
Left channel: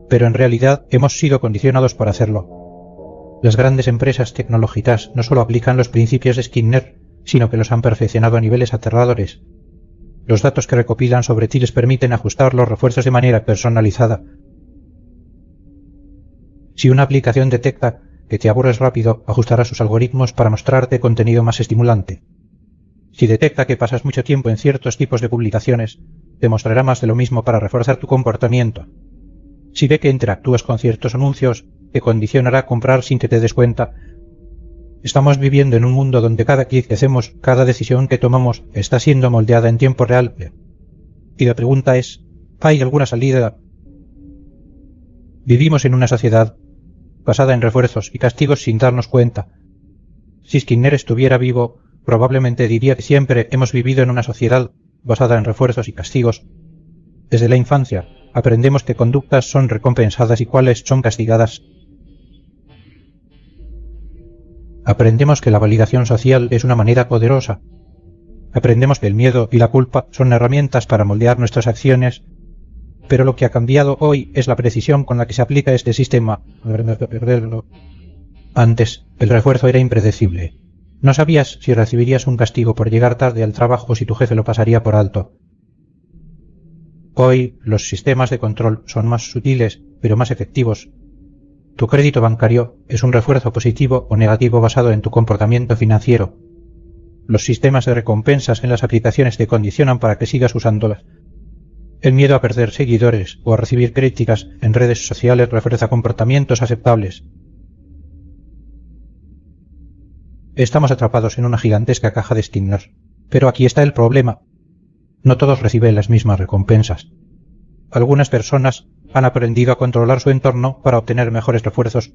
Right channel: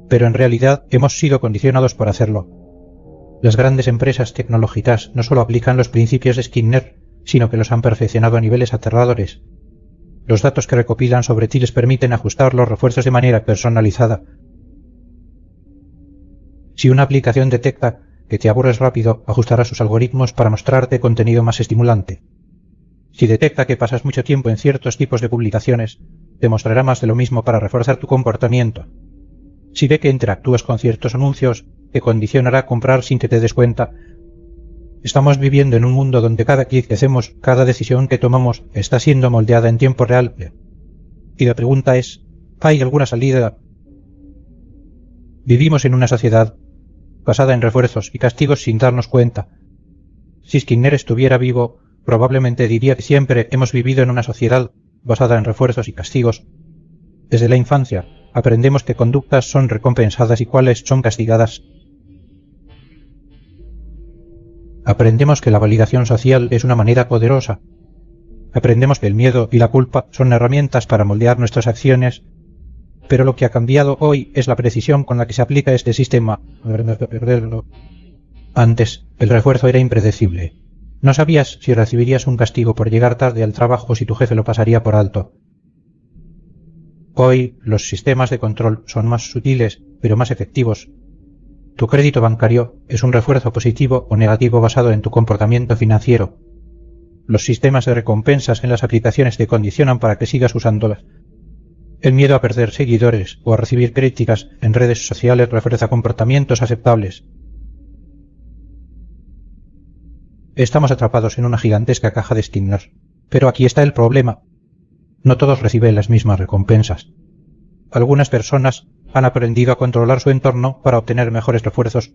Pero en realidad hemos sido condicionados para hacerlo. Las grandes empresas tecnológicas no solo aplican los principios de Skinner, sino que los han perfeccionado a niveles aterradores. Los datos que recopilan sobre ti les permiten ajustar los refuerzos de manera personalizada. Si una aplicación detecta que te aburres rápido, ajustará sus algoritmos para mostrarte contenido más estimulante. Si detecta que pasas mucho tiempo en ciertos tipos de publicaciones, te mostrará más de lo mismo para reforzar tu comportamiento. Si ve que interactúas con ciertos anuncios, te condicionará a comprar sin que te des cuenta. Estamos viviendo en un mundo donde cada clic que hacemos, cada decisión que tomamos, está siendo moldeada en tiempo real. Y la pregunta es, ¿hay alguna salida? Vivimos en una sociedad basada en refuerzos y castigos sin darnos cuenta. Si Skinner estuviera vivo, probablemente diría que siempre hemos vivido en una sociedad basada en refuerzos y castigos. Desde la infancia aprendemos que conductas son recompensadas y cuáles son castigadas. Aprendemos que la validación social es una manera poderosa. Aprendemos que el miedo y la culpa son herramientas para moldear nuestras acciones, pero lo que ha cambiado hoy es la precisión con la que se aplica este sistema. Antes, el refuerzo era impredecible. No sabías si recibirías un castigo por llegar tarde al trabajo o si tu jefe lo pasaría por alto. Hoy, los sistemas de control son más sutiles, pero más efectivos. Tu crédito bancario es un refuerzo positivo o negativo basado en tu comportamiento financiero. Los sistemas de recompensas en las aplicaciones te condicionan para que sigas usándolas. El miedo a perder seguidores o a recibir críticas en redes sociales refuerza comportamientos aceptables. Estamos atrapados en una gigantesca caja de Skinner. Pero aquí está el problema. No todos reciben las mismas recompensas. Algunas personas han aprendido a controlar su entorno para obtener mejores refuerzos.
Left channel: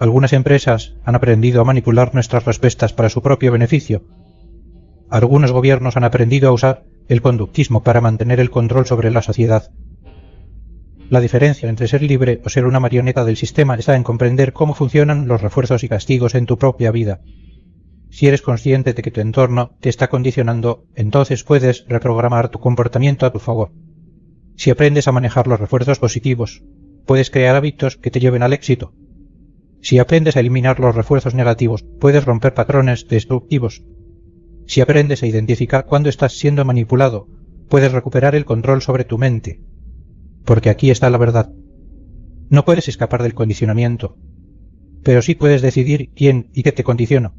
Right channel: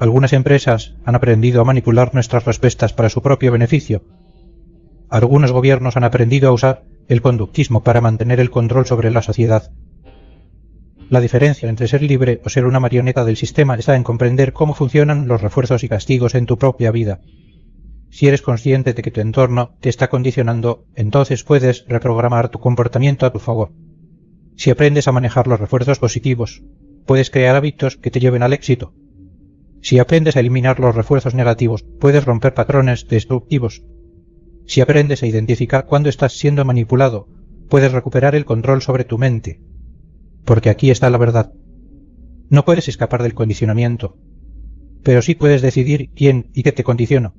Algunas empresas han aprendido a manipular nuestras respuestas para su propio beneficio. Algunos gobiernos han aprendido a usar el conductismo para mantener el control sobre la sociedad. La diferencia entre ser libre o ser una marioneta del sistema está en comprender cómo funcionan los refuerzos y castigos en tu propia vida. Si eres consciente de que tu entorno te está condicionando, entonces puedes reprogramar tu comportamiento a tu favor. Si aprendes a manejar los refuerzos positivos, puedes crear hábitos que te lleven al éxito. Si aprendes a eliminar los refuerzos negativos, puedes romper patrones destructivos. Si aprendes a identificar cuándo estás siendo manipulado, puedes recuperar el control sobre tu mente. Porque aquí está la verdad. No puedes escapar del condicionamiento, pero sí puedes decidir quién y qué te condiciona.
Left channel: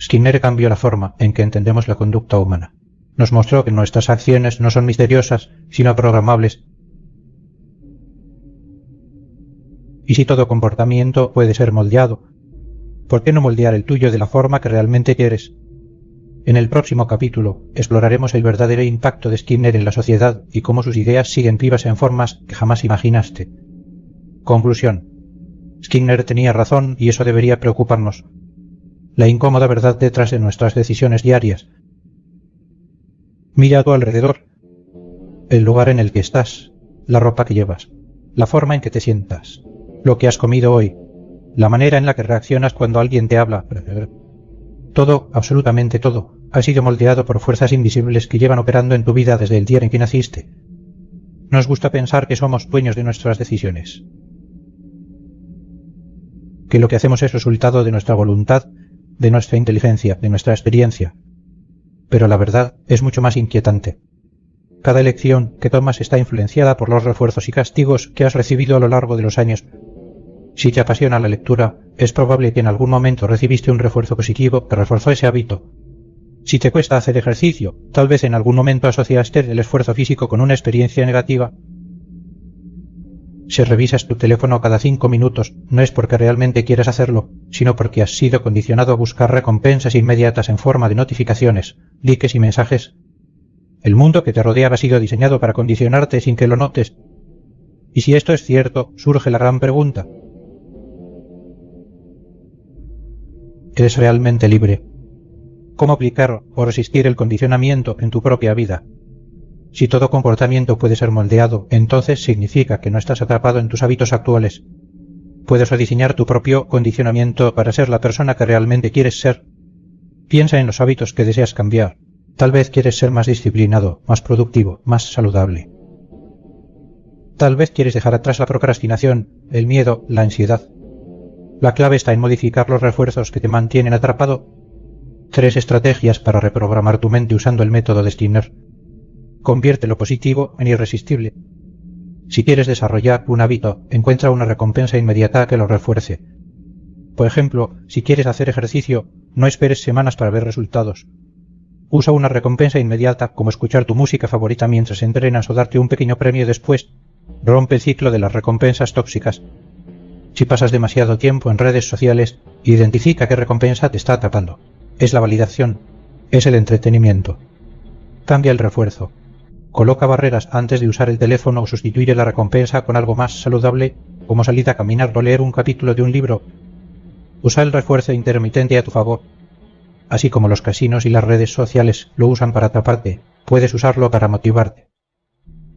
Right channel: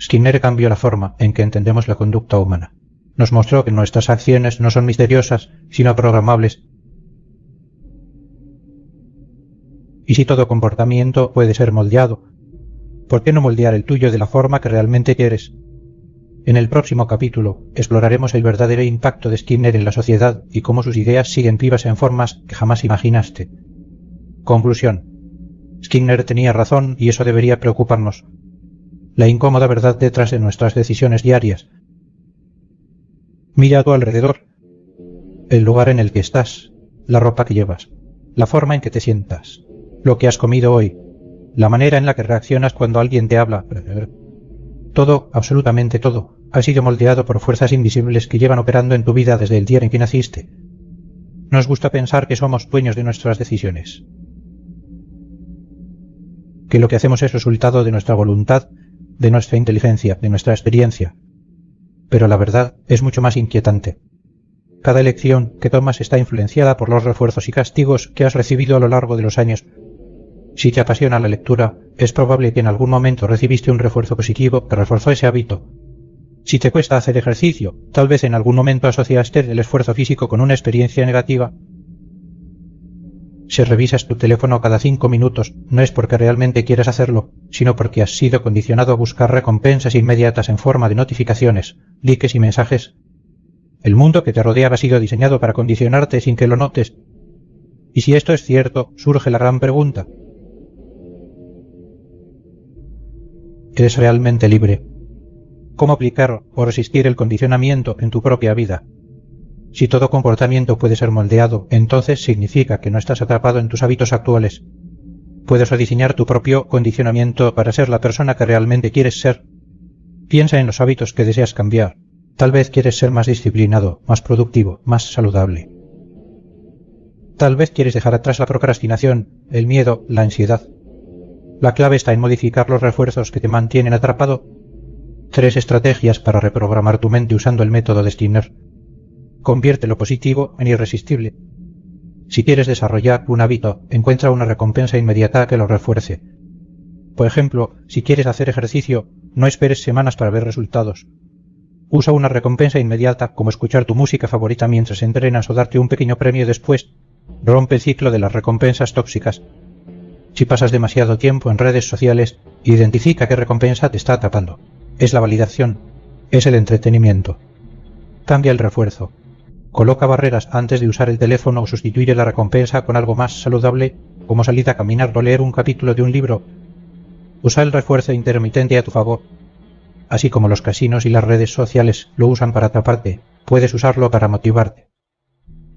Skinner cambió la forma en que entendemos la conducta humana. Nos mostró que nuestras acciones no son misteriosas, sino programables. Y si todo comportamiento puede ser moldeado, ¿por qué no moldear el tuyo de la forma que realmente quieres? En el próximo capítulo exploraremos el verdadero impacto de Skinner en la sociedad y cómo sus ideas siguen vivas en formas que jamás imaginaste. Conclusión. Skinner tenía razón y eso debería preocuparnos. La incómoda verdad detrás de nuestras decisiones diarias. Mira a tu alrededor, el lugar en el que estás, la ropa que llevas, la forma en que te sientas, lo que has comido hoy, la manera en la que reaccionas cuando alguien te habla. Todo, absolutamente todo, ha sido moldeado por fuerzas invisibles que llevan operando en tu vida desde el día en que naciste. Nos gusta pensar que somos dueños de nuestras decisiones, que lo que hacemos es resultado de nuestra voluntad, de nuestra inteligencia, de nuestra experiencia. Pero la verdad es mucho más inquietante. Cada elección que tomas está influenciada por los refuerzos y castigos que has recibido a lo largo de los años. Si te apasiona la lectura, es probable que en algún momento recibiste un refuerzo positivo que reforzó ese hábito. Si te cuesta hacer ejercicio, tal vez en algún momento asociaste el esfuerzo físico con una experiencia negativa. Si revisas tu teléfono cada 5 minutos, no es porque realmente quieras hacerlo, sino porque has sido condicionado a buscar recompensas inmediatas en forma de notificaciones, likes y mensajes. El mundo que te rodeaba ha sido diseñado para condicionarte sin que lo notes. Y si esto es cierto, surge la gran pregunta. ¿Eres realmente libre? ¿Cómo aplicar o resistir el condicionamiento en tu propia vida? Si todo comportamiento puede ser moldeado, entonces significa que no estás atrapado en tus hábitos actuales. Puedes rediseñar tu propio condicionamiento para ser la persona que realmente quieres ser. Piensa en los hábitos que deseas cambiar. Tal vez quieres ser más disciplinado, más productivo, más saludable. Tal vez quieres dejar atrás la procrastinación, el miedo, la ansiedad. La clave está en modificar los refuerzos que te mantienen atrapado. 3 estrategias para reprogramar tu mente usando el método de Skinner. Convierte lo positivo en irresistible. Si quieres desarrollar un hábito, encuentra una recompensa inmediata que lo refuerce. Por ejemplo, si quieres hacer ejercicio, no esperes semanas para ver resultados. Usa una recompensa inmediata, como escuchar tu música favorita mientras entrenas o darte un pequeño premio después. Rompe el ciclo de las recompensas tóxicas. Si pasas demasiado tiempo en redes sociales, identifica qué recompensa te está atrapando. Es la validación, es el entretenimiento. Cambia el refuerzo. Coloca barreras antes de usar el teléfono o sustituir la recompensa con algo más saludable, como salir a caminar o leer un capítulo de un libro. Usa el refuerzo intermitente a tu favor. Así como los casinos y las redes sociales lo usan para atraparte, puedes usarlo para motivarte.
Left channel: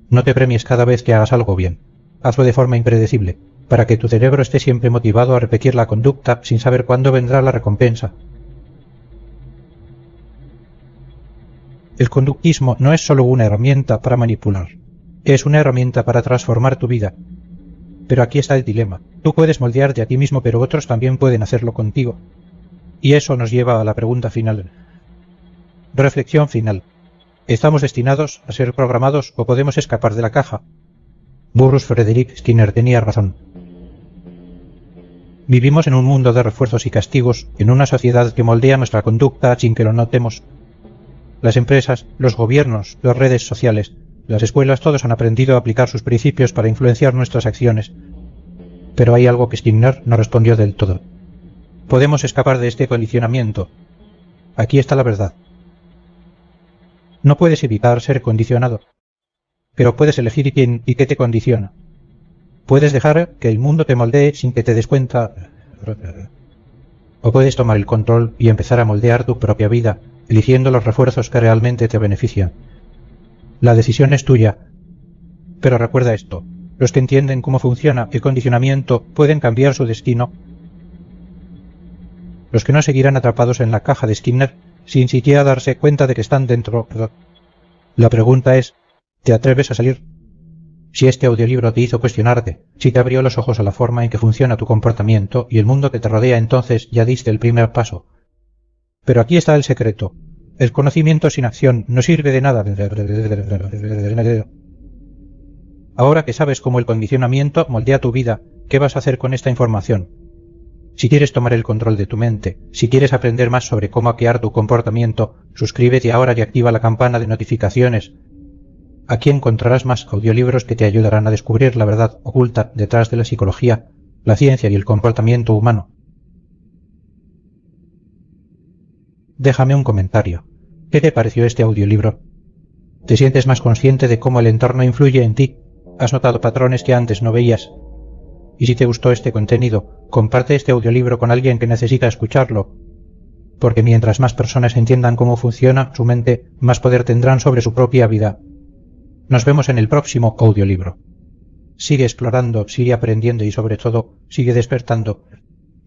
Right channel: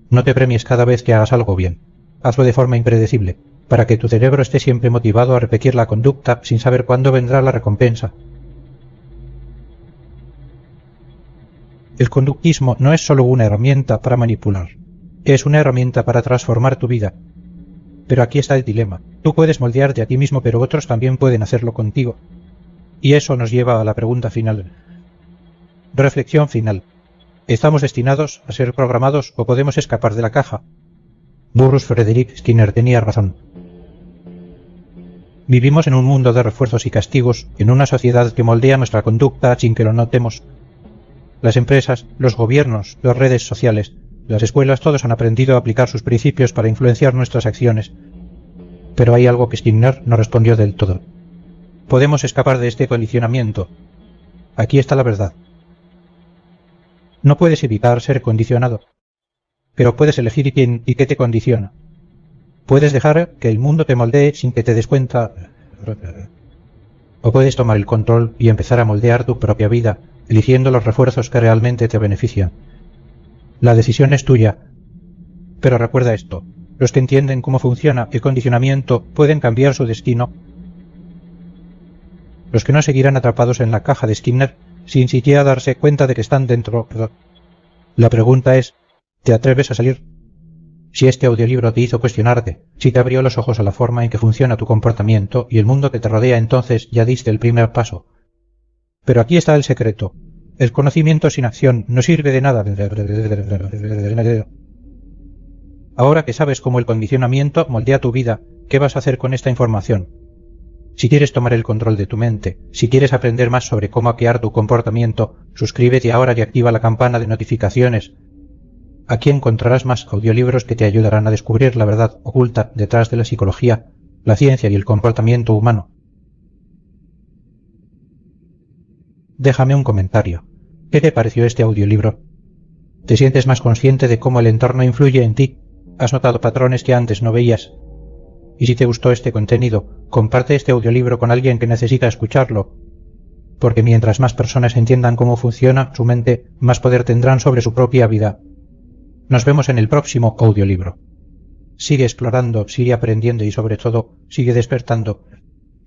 No te premies cada vez que hagas algo bien. Hazlo de forma impredecible, para que tu cerebro esté siempre motivado a repetir la conducta sin saber cuándo vendrá la recompensa. El conductismo no es solo una herramienta para manipular, es una herramienta para transformar tu vida. Pero aquí está el dilema. Tú puedes moldearte a ti mismo, pero otros también pueden hacerlo contigo. Y eso nos lleva a la pregunta final. Reflexión final. ¿Estamos destinados a ser programados o podemos escapar de la caja? Burrus Frederick Skinner tenía razón. Vivimos en un mundo de refuerzos y castigos, en una sociedad que moldea nuestra conducta sin que lo notemos. Las empresas, los gobiernos, las redes sociales, las escuelas, todos han aprendido a aplicar sus principios para influenciar nuestras acciones. Pero hay algo que Skinner no respondió del todo. Podemos escapar de este condicionamiento. Aquí está la verdad. No puedes evitar ser condicionado, pero puedes elegir quién y qué te condiciona. Puedes dejar que el mundo te moldee sin que te des cuenta. O puedes tomar el control y empezar a moldear tu propia vida, eligiendo los refuerzos que realmente te benefician. La decisión es tuya. Pero recuerda esto. Los que entienden cómo funciona el condicionamiento pueden cambiar su destino. Los que no seguirán atrapados en la caja de Skinner sin siquiera darse cuenta de que están dentro. La pregunta es, ¿te atreves a salir? Si este audiolibro te hizo cuestionarte, si te abrió los ojos a la forma en que funciona tu comportamiento y el mundo que te rodea, entonces ya diste el primer paso. Pero aquí está el secreto. El conocimiento sin acción no sirve de nada. Ahora que sabes cómo el condicionamiento moldea tu vida, ¿qué vas a hacer con esta información? Si quieres tomar el control de tu mente, si quieres aprender más sobre cómo hackear tu comportamiento, suscríbete ahora y activa la campana de notificaciones. Aquí encontrarás más audiolibros que te ayudarán a descubrir la verdad oculta detrás de la psicología, la ciencia y el comportamiento humano. Déjame un comentario. ¿Qué te pareció este audiolibro? ¿Te sientes más consciente de cómo el entorno influye en ti? ¿Has notado patrones que antes no veías? Y si te gustó este contenido, comparte este audiolibro con alguien que necesita escucharlo. Porque mientras más personas entiendan cómo funciona su mente, más poder tendrán sobre su propia vida. Nos vemos en el próximo audiolibro. Sigue explorando, sigue aprendiendo y sobre todo, sigue despertando.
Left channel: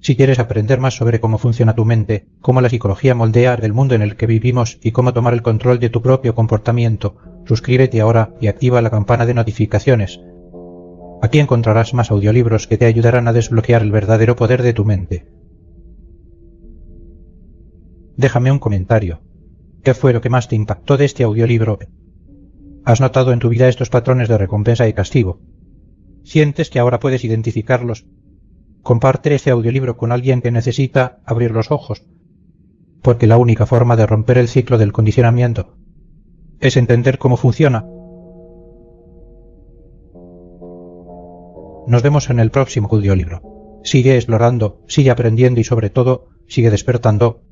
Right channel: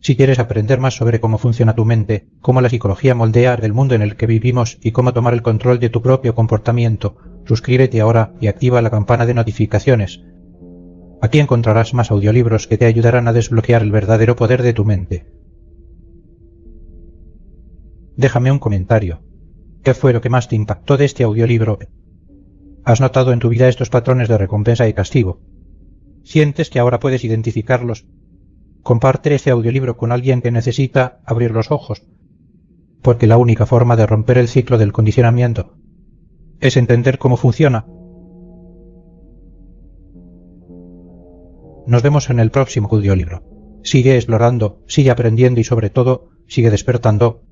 Si quieres aprender más sobre cómo funciona tu mente, cómo la psicología moldea el mundo en el que vivimos y cómo tomar el control de tu propio comportamiento, Suscríbete ahora y activa la campana de notificaciones. Aquí encontrarás más audiolibros que te ayudarán a desbloquear el verdadero poder de tu mente. Déjame un comentario. ¿Qué fue lo que más te impactó de este audiolibro? ¿Has notado en tu vida estos patrones de recompensa y castigo? ¿Sientes que ahora puedes identificarlos? Comparte este audiolibro con alguien que necesita abrir los ojos, porque la única forma de romper el ciclo del condicionamiento es entender cómo funciona. Nos vemos en el próximo audiolibro. Sigue explorando, sigue aprendiendo y sobre todo, sigue despertando